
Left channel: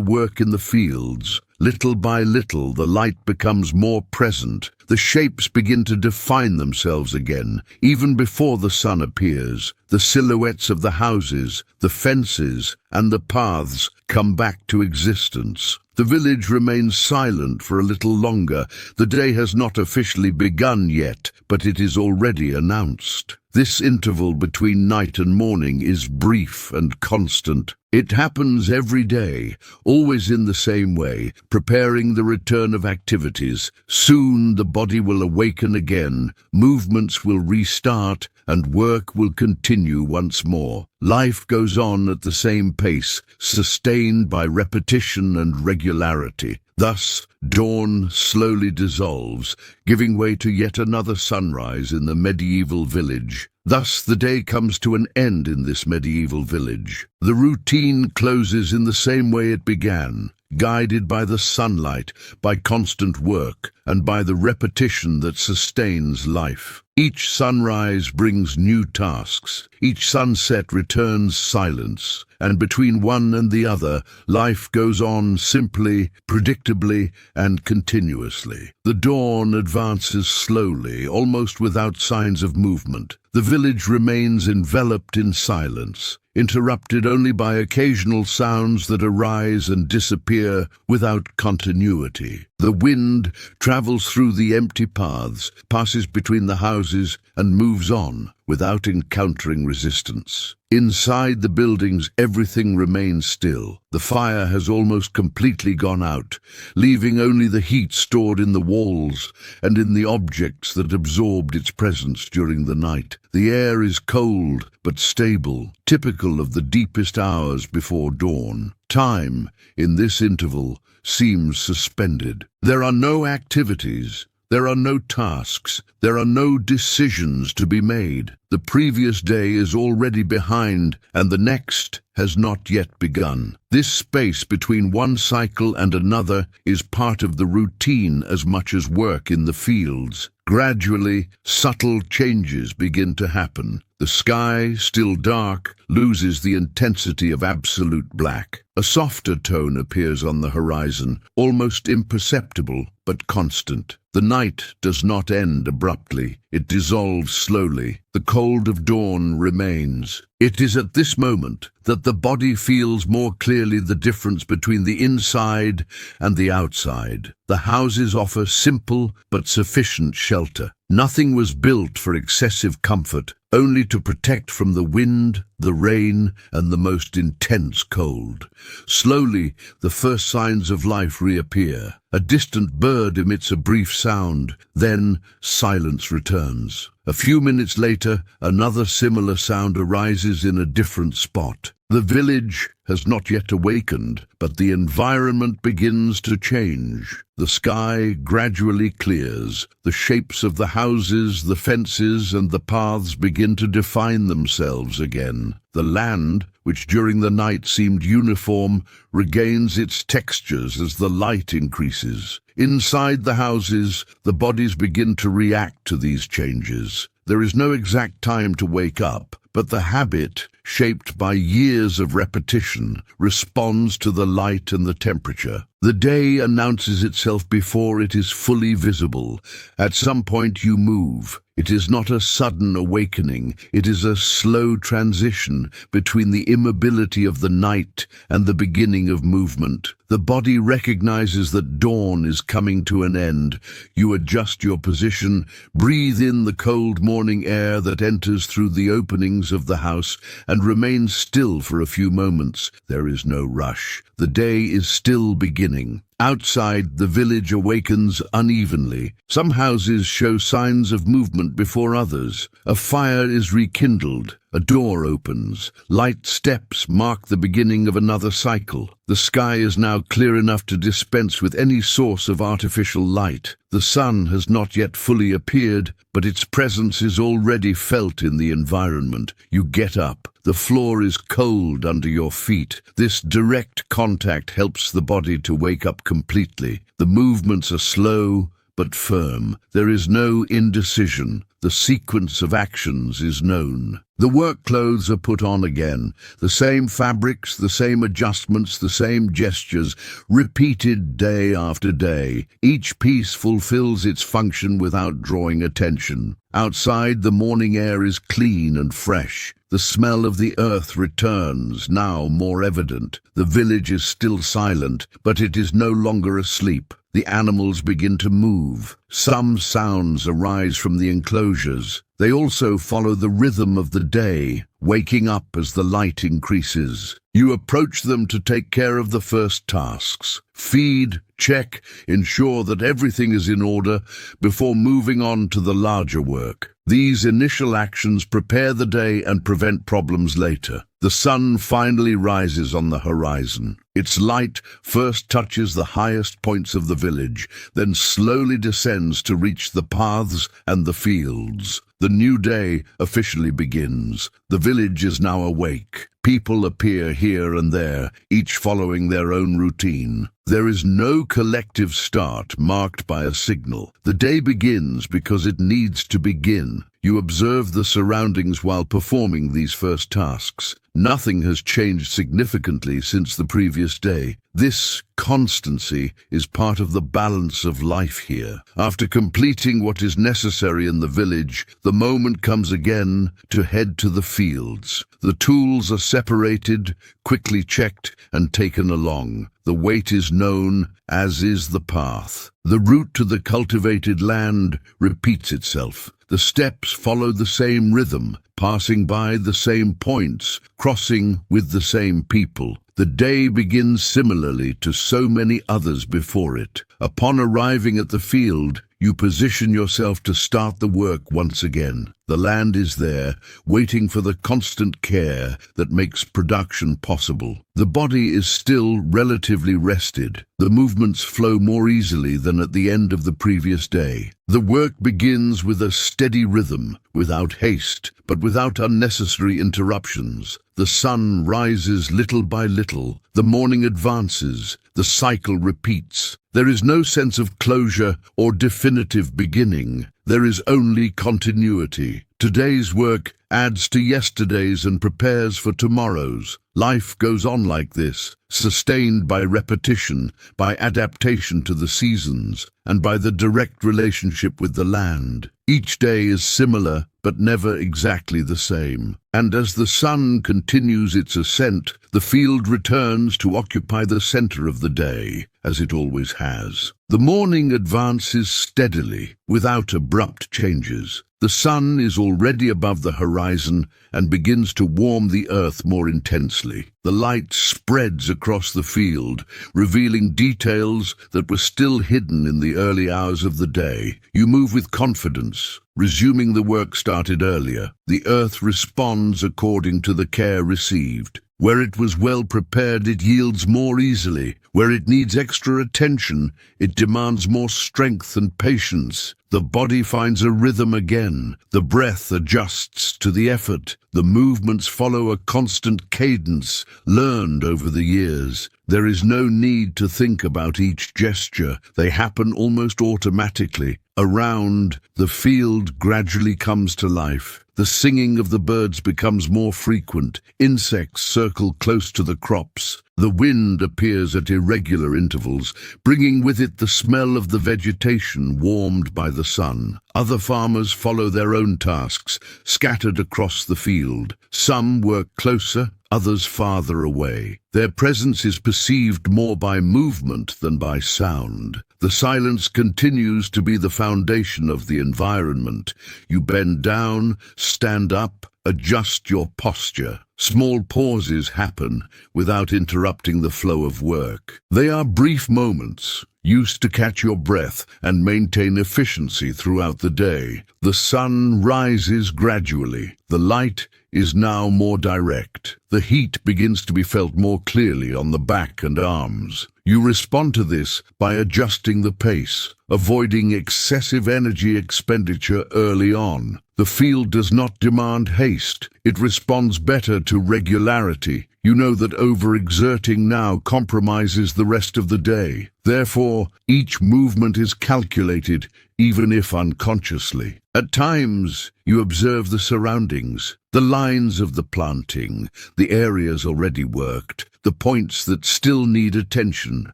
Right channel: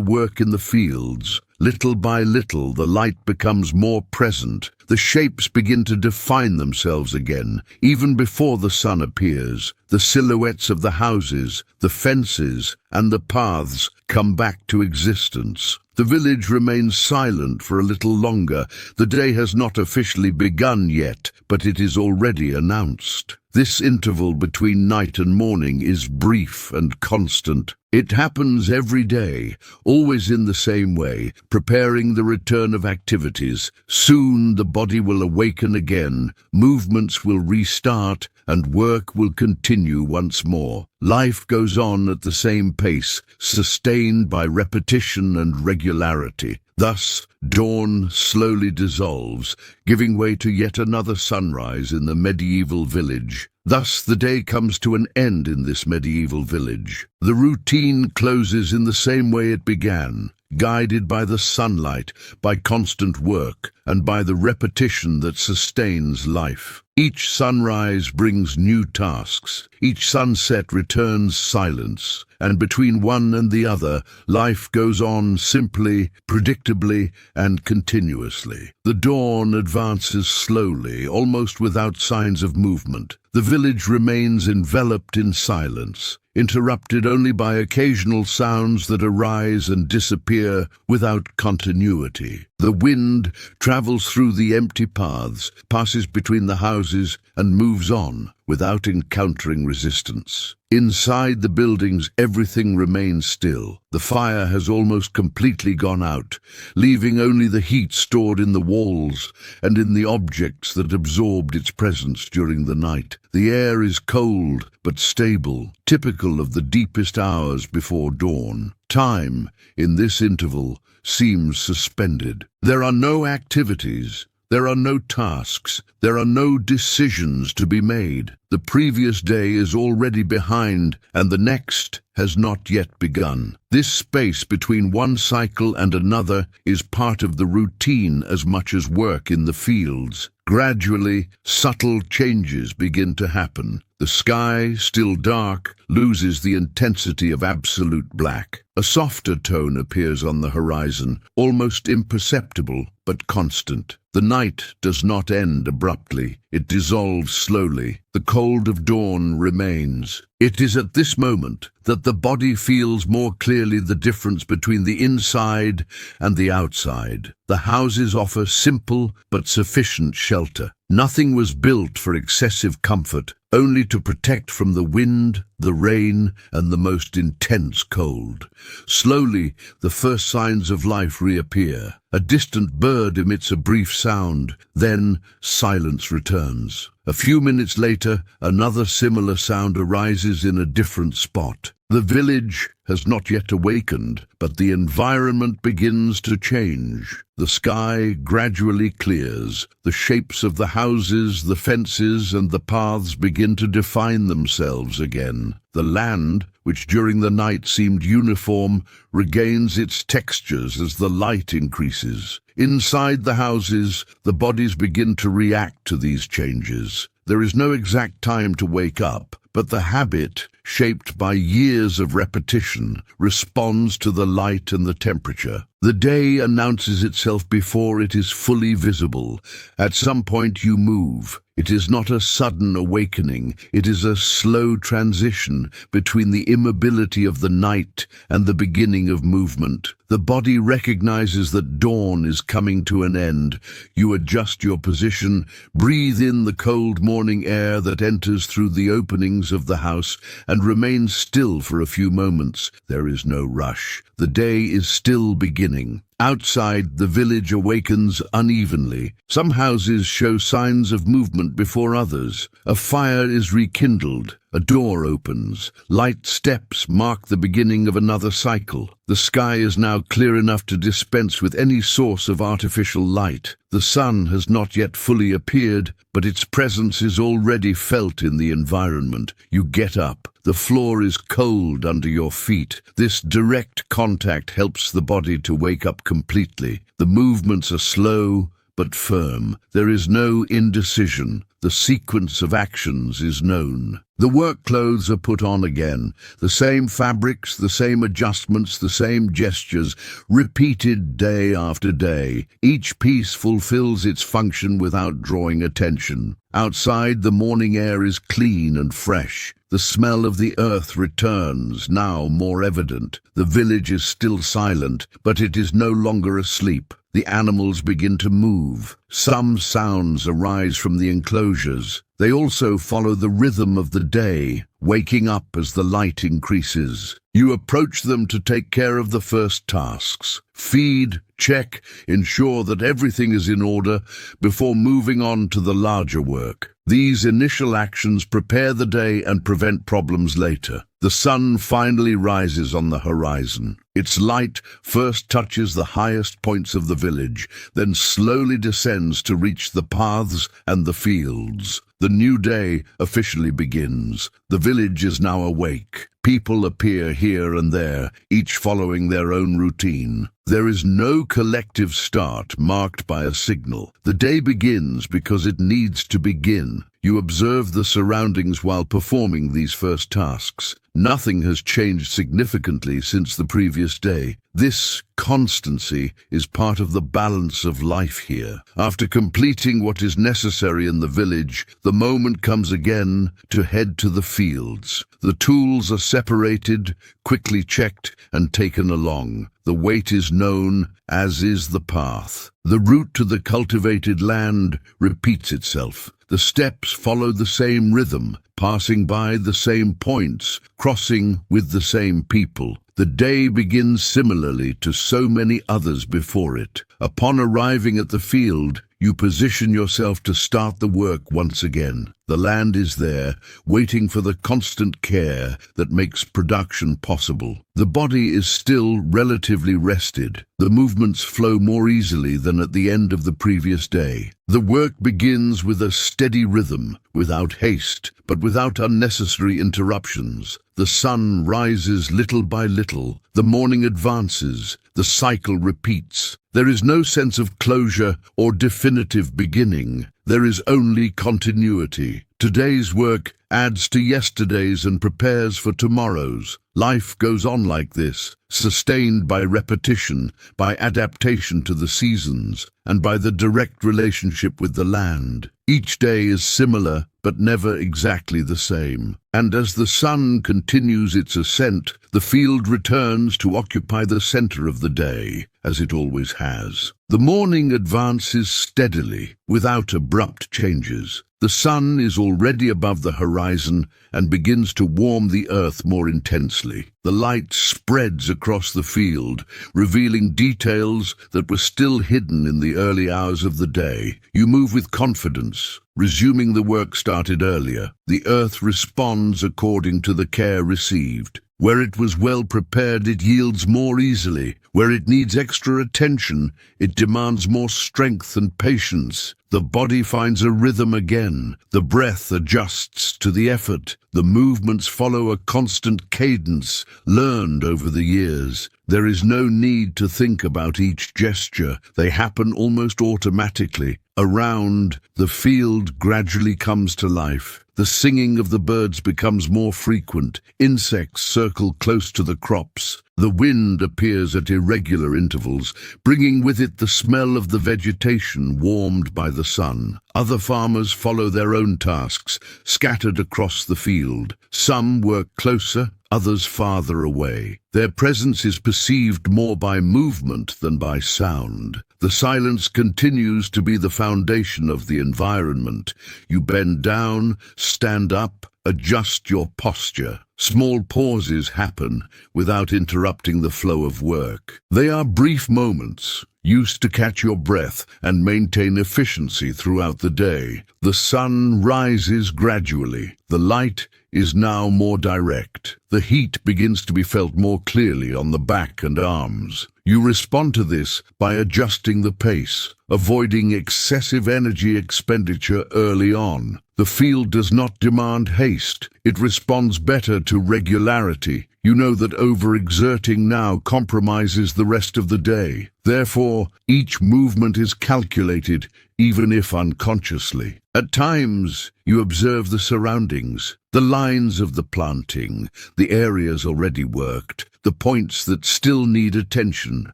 work in the fields. Little by little, the light becomes more present. The shapes begin to define themselves again, even before the sun appears. The silhouettes of the houses, the fences, and the paths come back to existence. The village remains silent for a little longer. The day has not officially begun yet, but it is already announced. This interval between night and morning is brief and constant. It happens every day, always in the same way, preparing the return of activities. Soon the body will awaken again, movements will restart, and work will continue once more. Life goes on at the same pace, sustained by repetition and regularity. Thus, dawn slowly dissolves, giving way to yet another sunrise in the medieval village. Thus, the day comes to an end in this medieval village. The routine closes in the same way it began, guided by the sunlight, by constant work, and by the repetition that sustains life. Each sunrise brings new tasks. Each sunset returns silence. And between one and the other, life goes on simply, predictably, and continuously. The dawn advances slowly, almost without signs of movement. The village remains enveloped in silence, interrupted only by occasional sounds that arise and disappear without continuity. The wind travels through the empty paths, passes between the houses, and moves on without encountering resistance. Inside the buildings, everything remains still. The fire has almost completely gone out, leaving only the heat stored in the walls and in the objects that absorbed its presence during the night. The air is cold but stable, typical of the deepest hours before dawn. Time, in this interval, seems suspended. There are no activities. There are no tasks. There are no decisions to be made. The previous day is already behind, and the next has not yet begun. This space between one cycle and another is part of the routine as much as work in the fields. Gradually, subtle changes begin to happen. The sky, still dark, loses the intensity of absolute black. A softer tone appears on the horizon, almost imperceptible but constant. The night does not end abruptly. It dissolves slowly. The cold of dawn remains. It is at this moment that the body feels more clearly the difference between the inside and the outside. The houses offer simple but sufficient shelter. Nothing was built for excessive comfort, only to protect from the wind, the rain, and the most intense cold. Slowly, the first signs of life reappear. A distant bird emits a brief sound, then silence returns. A few minutes later, another similar sound arises in a different spot. The village has not yet awakened, but the environment begins to change. The sky gradually clears. The shapes of the houses, the fences, and the paths begin to define themselves again. The land, which during the night seemed uniform, regains its textures as the light increases. Inside the houses, the bodies begin to react to these changes. There is no exact time to wake up, but the habit, shaped by years of repetition, responds to the light and the temperature. The day announces itself before it is fully visible. At some point you move. It is not a sudden awakening, it is a slow transition between the immobility of the night and the beginning of movement. The body recognizes that dawn is coming to an end. You adjust your position, breathe in the cold morning air that enters through the openings of the house, and remain still for a few moments. There is no rush. The day is still beginning. Outside, the village awakens unevenly. Some houses show signs of movement before others. A fire is rekindled. A door opens. Light steps mark the beginning of another cycle. The sky is now clear enough to dispense with any source of artificial light. The sun has not yet fully appeared, but its presence is already felt in the environment. You get up. The floor is cold under your feet. This direct contact helps the body to wake up completely. The movements are slow but firm. There is no indecision. The sequence of actions is known. The work clothes are put on again. The same fabrics, the same adjustments, the same gestures, repeated day after day. Each piece fulfills its function without drawing attention. Outside, the morning air is clean and fresh. The smell of the earth returns, now more evident. The village is still silent, but it is no longer asleep. The animals begin to move. Some sounds arise from the enclosures. They also follow the rhythm of the day, waking up as the light increases. You approach them to take care of the first tasks. Feed, check, ensure that everything is in order before moving on to the larger work. These initial actions prepare the day and prevent problems later. The sun finally rises on the horizon. Its light first touches the highest points of the village, then slowly descends to reach the paths and the fields. The new day officially begins. The village is now awake. People appear here and there, each following their own routine. There is no collective start marked by a signal. The day begins because it needs to begin. You observe the surroundings while performing these first tasks. Nothing has changed significantly since the previous day. This constancy is part of the balance of life here. After completing what is necessary in the village, the moment comes again to head to the fields. The tools are separated, quickly checked, and taken along. The weight is known, as is the path. The route to the cultivated land repeats itself. The steps follow the same rhythm, passing by the same points, crossing with the same people. The day begins similarly to so many others before it. Upon arriving at the field, you position yourself to start the work once again. The land is there, waiting for the constant care that makes production possible. The body is still relatively rested. The movements flow more easily than at the end of the previous day. The work begins with a steady rhythm, without haste, but without unnecessary interruptions. The sun rises little by little. The morning advances. The cycle repeats. There is no sense of closure or definitive beginning. There is only continuity. Today's work adds to yesterday's and prepares for tomorrow's. Life goes on like this, sustained by repetition, by adaptation to the seasons, and by the direct relationship with the land. Each day is similar, but never exactly the same. And as the sun continues its ascent, the field returns to occupy the center of the day, as it always has. The morning advances steadily, without abrupt changes. The sun is already above the horizon and begins to warm the earth more intensely. The light spreads across the field, revealing details that were still hidden in the early hours of the day. You move with confidence, resuming the work started earlier. The earth responds according to the care received. Where it was well prepared, it yields more easily. Where it needs extra attention, it demands more strength and patience. The body finds a rhythm again. The breath adjusts to the effort. The movements follow a constant cadence learned over the years. There is no need to think about each gesture. They happen almost automatically. Around, the field gradually comes to life. The singing of the birds becomes more frequent. Insects circle close to the crops. The wind appears at irregular intervals, bringing with it the smell of the vegetation warmed by the sun. Other farmers follow their own tasks, scattered across the field. Some work closer, others farther away. Their presence is perceived more by movement than by sound. The silence continues to be the foundation of the environment. You bend down, stand up, adjust your posture. Small pauses happen without interrupting the flow of work. They are brief moments, used to catch your breath and maintain efficiency throughout the day. The sun rises gradually. The light is now more direct. The heat begins to be felt more clearly on the back and arms. You respond to this by adjusting the pace, avoiding excessive energy expenditure early on. The field does not demand haste. It responds better to regularity. You know that overexerting now compromises the rest of the day. Therefore, each movement is calculated, even if unconsciously. At times, you observe the surroundings, the lines of the planting, the areas already worked, the points that still need attention.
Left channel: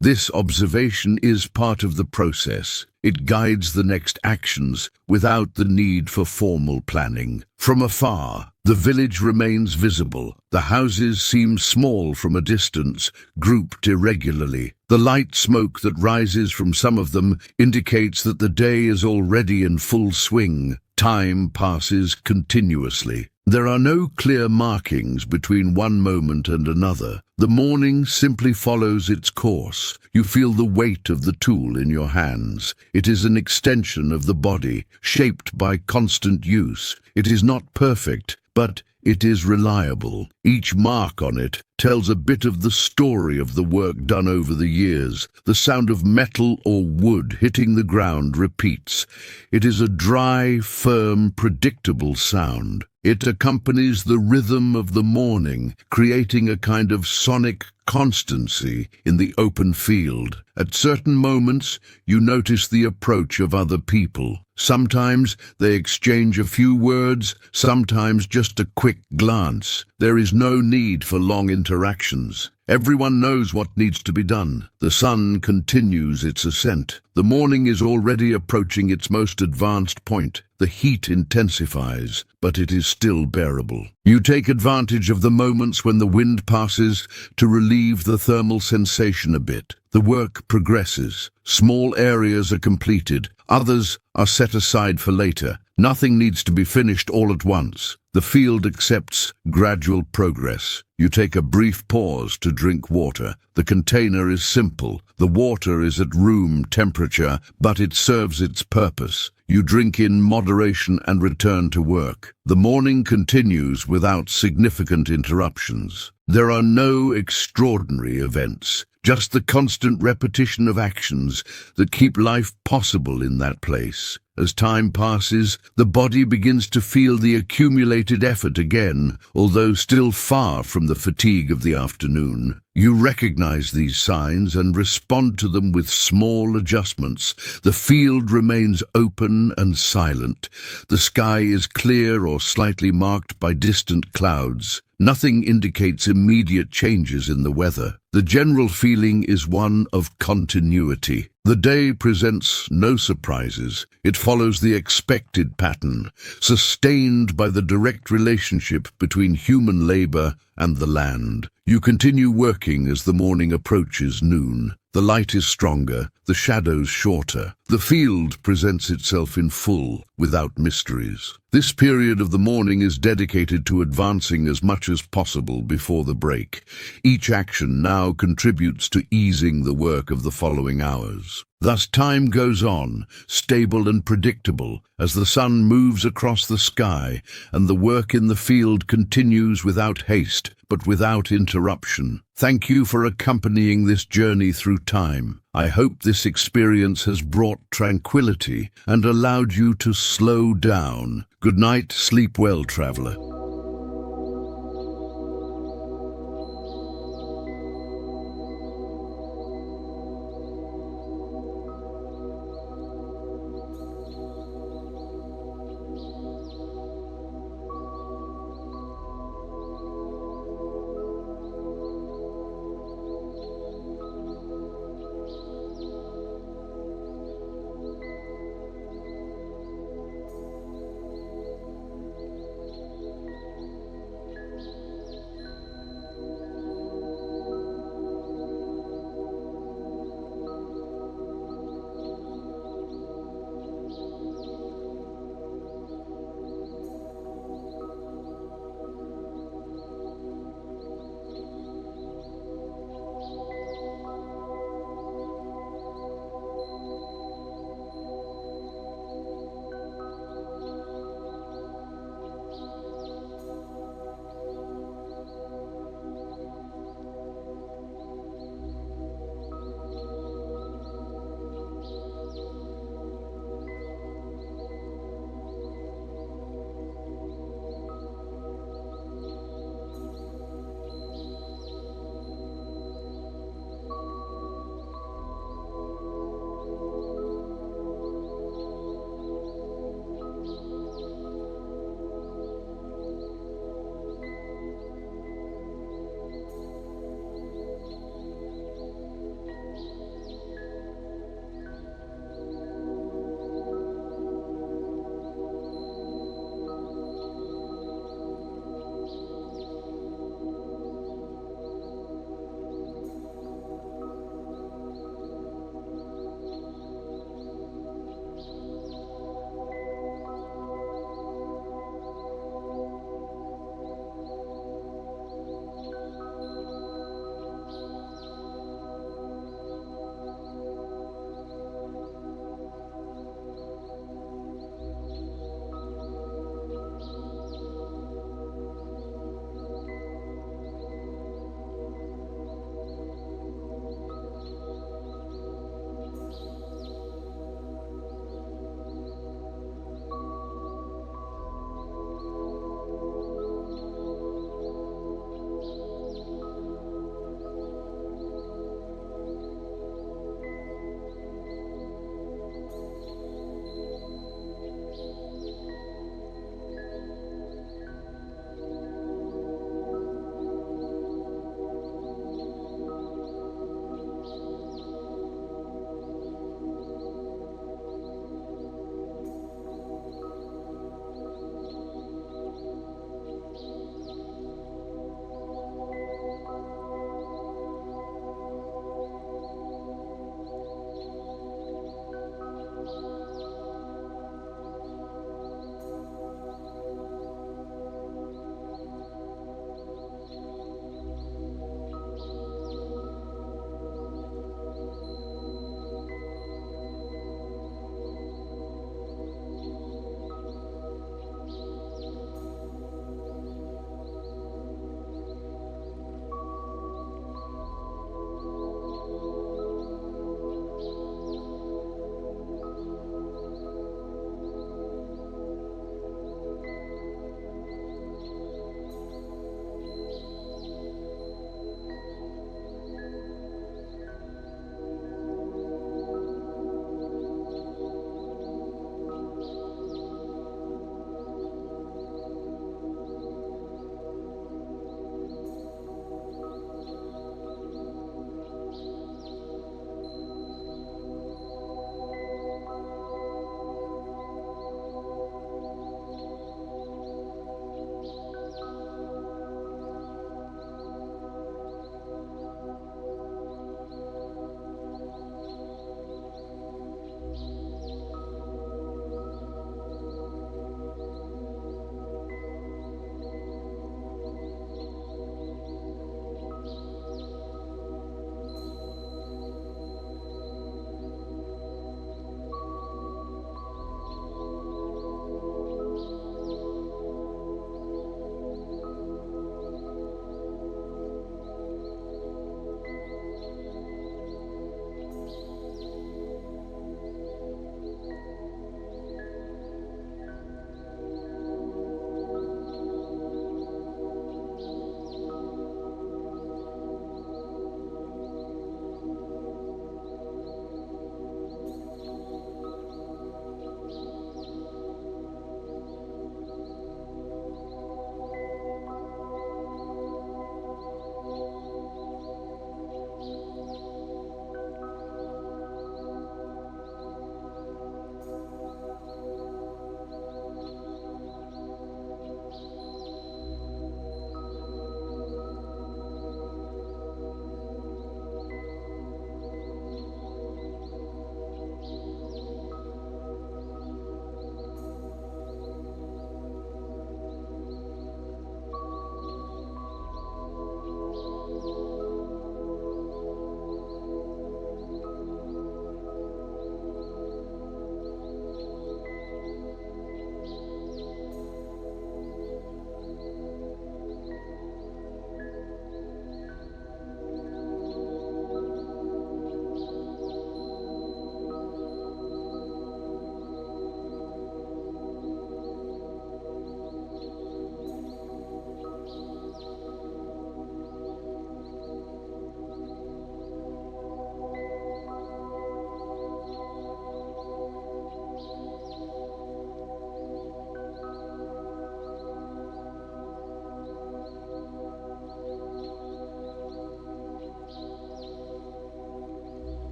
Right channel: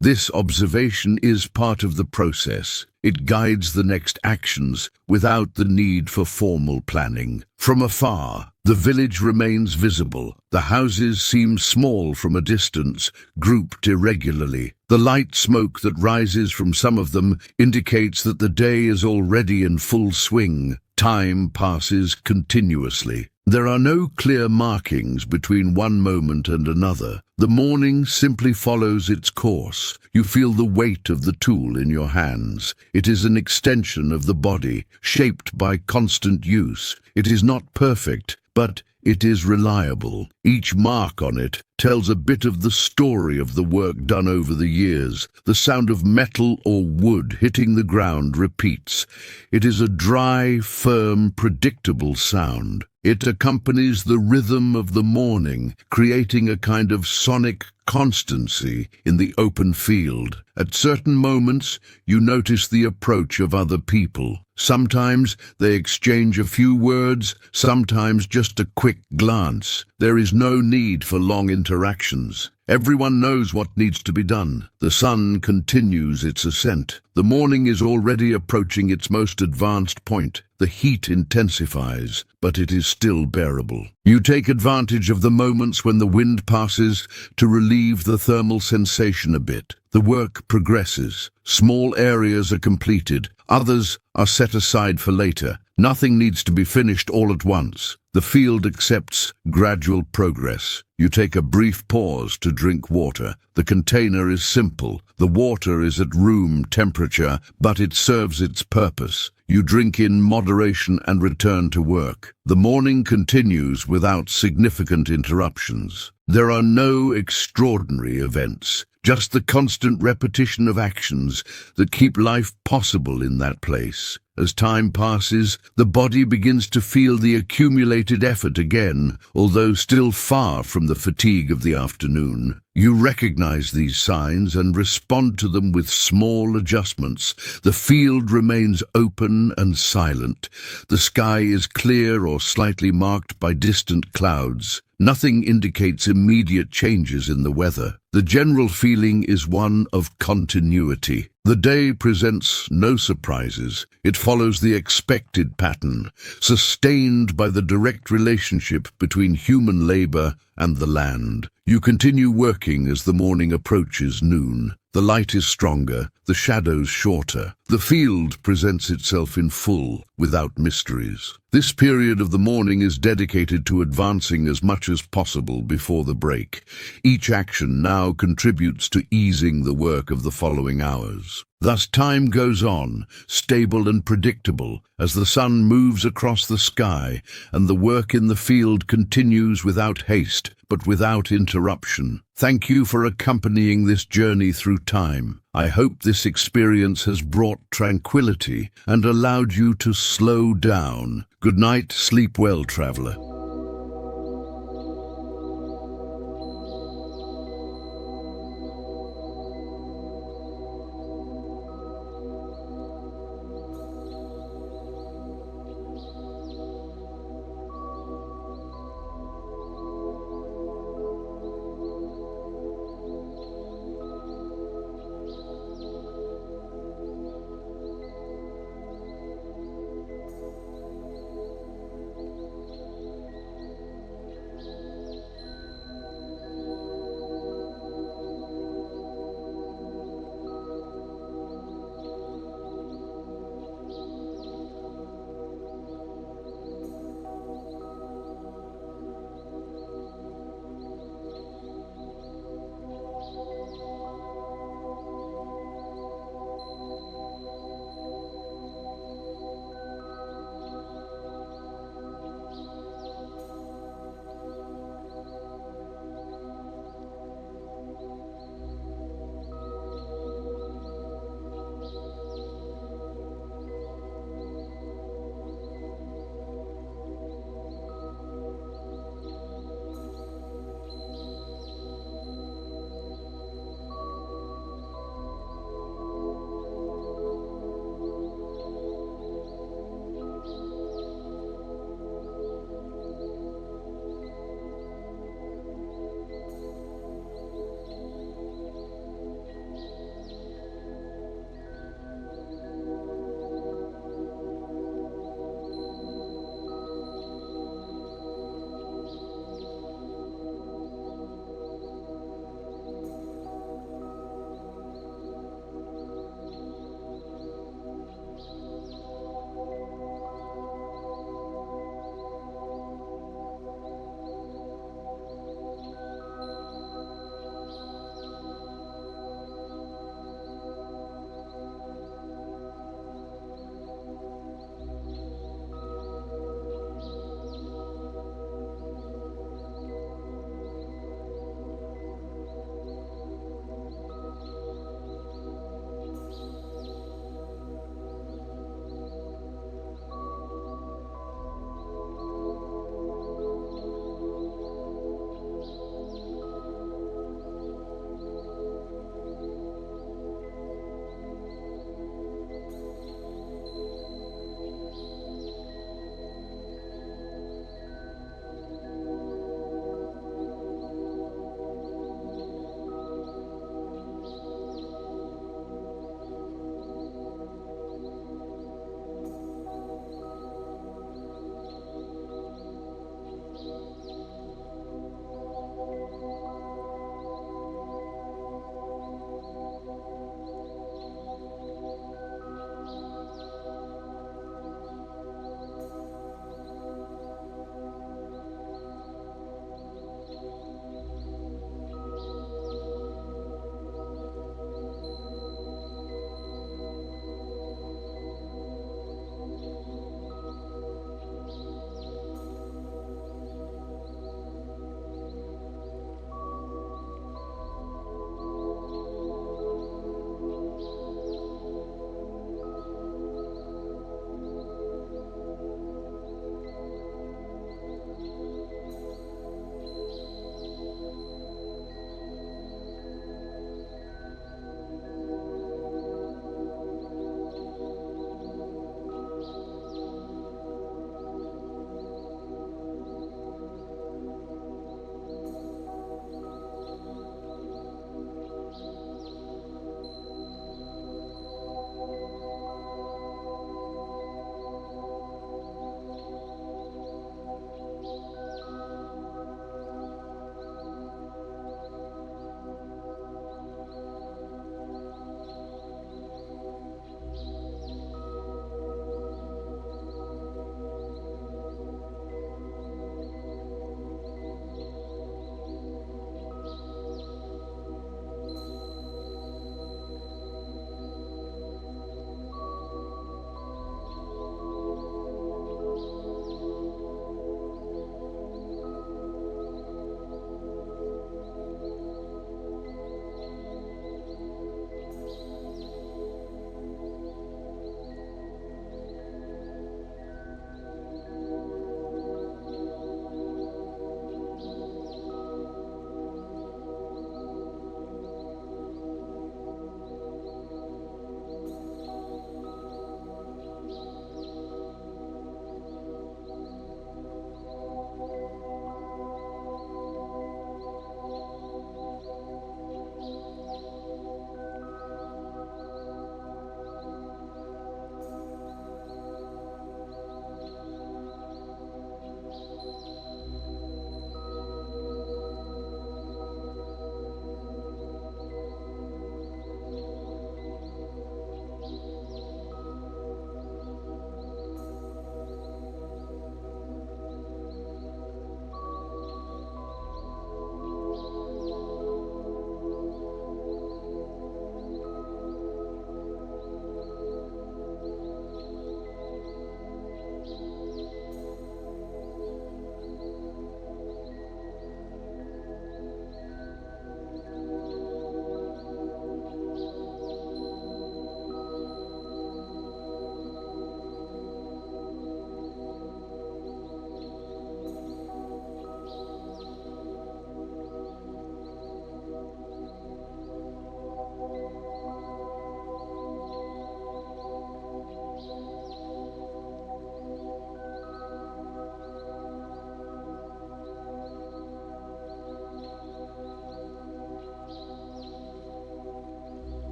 This observation is part of the process. It guides the next actions without the need for formal planning. From afar, the village remains visible. The houses seem small from a distance, grouped irregularly. The light smoke that rises from some of them indicates that the day is already in full swing. Time passes continuously. There are no clear markings between one moment and another. The morning simply follows its course. You feel the weight of the tool in your hands. It is an extension of the body, shaped by constant use. It is not perfect, but it is reliable. Each mark on it tells a bit of the story of the work done over the years. The sound of metal or wood hitting the ground repeats. It is a dry, firm, predictable sound. It accompanies the rhythm of the morning, creating a kind of sonic constancy in the open field. At certain moments, you notice the approach of other people. Sometimes they exchange a few words, sometimes just a quick glance. There is no need for long interactions. Everyone knows what needs to be done. The sun continues its ascent. The morning is already approaching its most advanced point. The heat intensifies, but it is still bearable. You take advantage of the moments when the wind passes to relieve the thermal sensation a bit. The work progresses. Small areas are completed. Others are set aside for later. Nothing needs to be finished all at once. The field accepts gradual progress. You take a brief pause to drink water. The container is simple. The water is at room temperature, but it serves its purpose. You drink in moderation and return to work. The morning continues without significant interruptions. There are no extraordinary events, just the constant repetition of actions that keep life possible in that place. As time passes, the body begins to feel the accumulated effort again, although still far from the fatigue of the afternoon. You recognize these signs and respond to them with small adjustments. The field remains open and silent. The sky is clear or slightly marked by distant clouds. Nothing indicates immediate changes in the weather. The general feeling is one of continuity. The day presents no surprises. It follows the expected pattern, sustained by the direct relationship between human labor and the land. You continue working as the morning approaches noon. The light is stronger, the shadows shorter. The field presents itself in full, without mysteries. This period of the morning is dedicated to advancing as much as possible before the break. Each action now contributes to easing the work of the following hours. Thus time goes on, stable and predictable, as the sun moves across the sky, and the work in the field continues without haste, but without interruption. Thank you for accompanying this journey through time. I hope this experience has brought tranquility and allowed you to slow down. Good night, sleep well, traveler.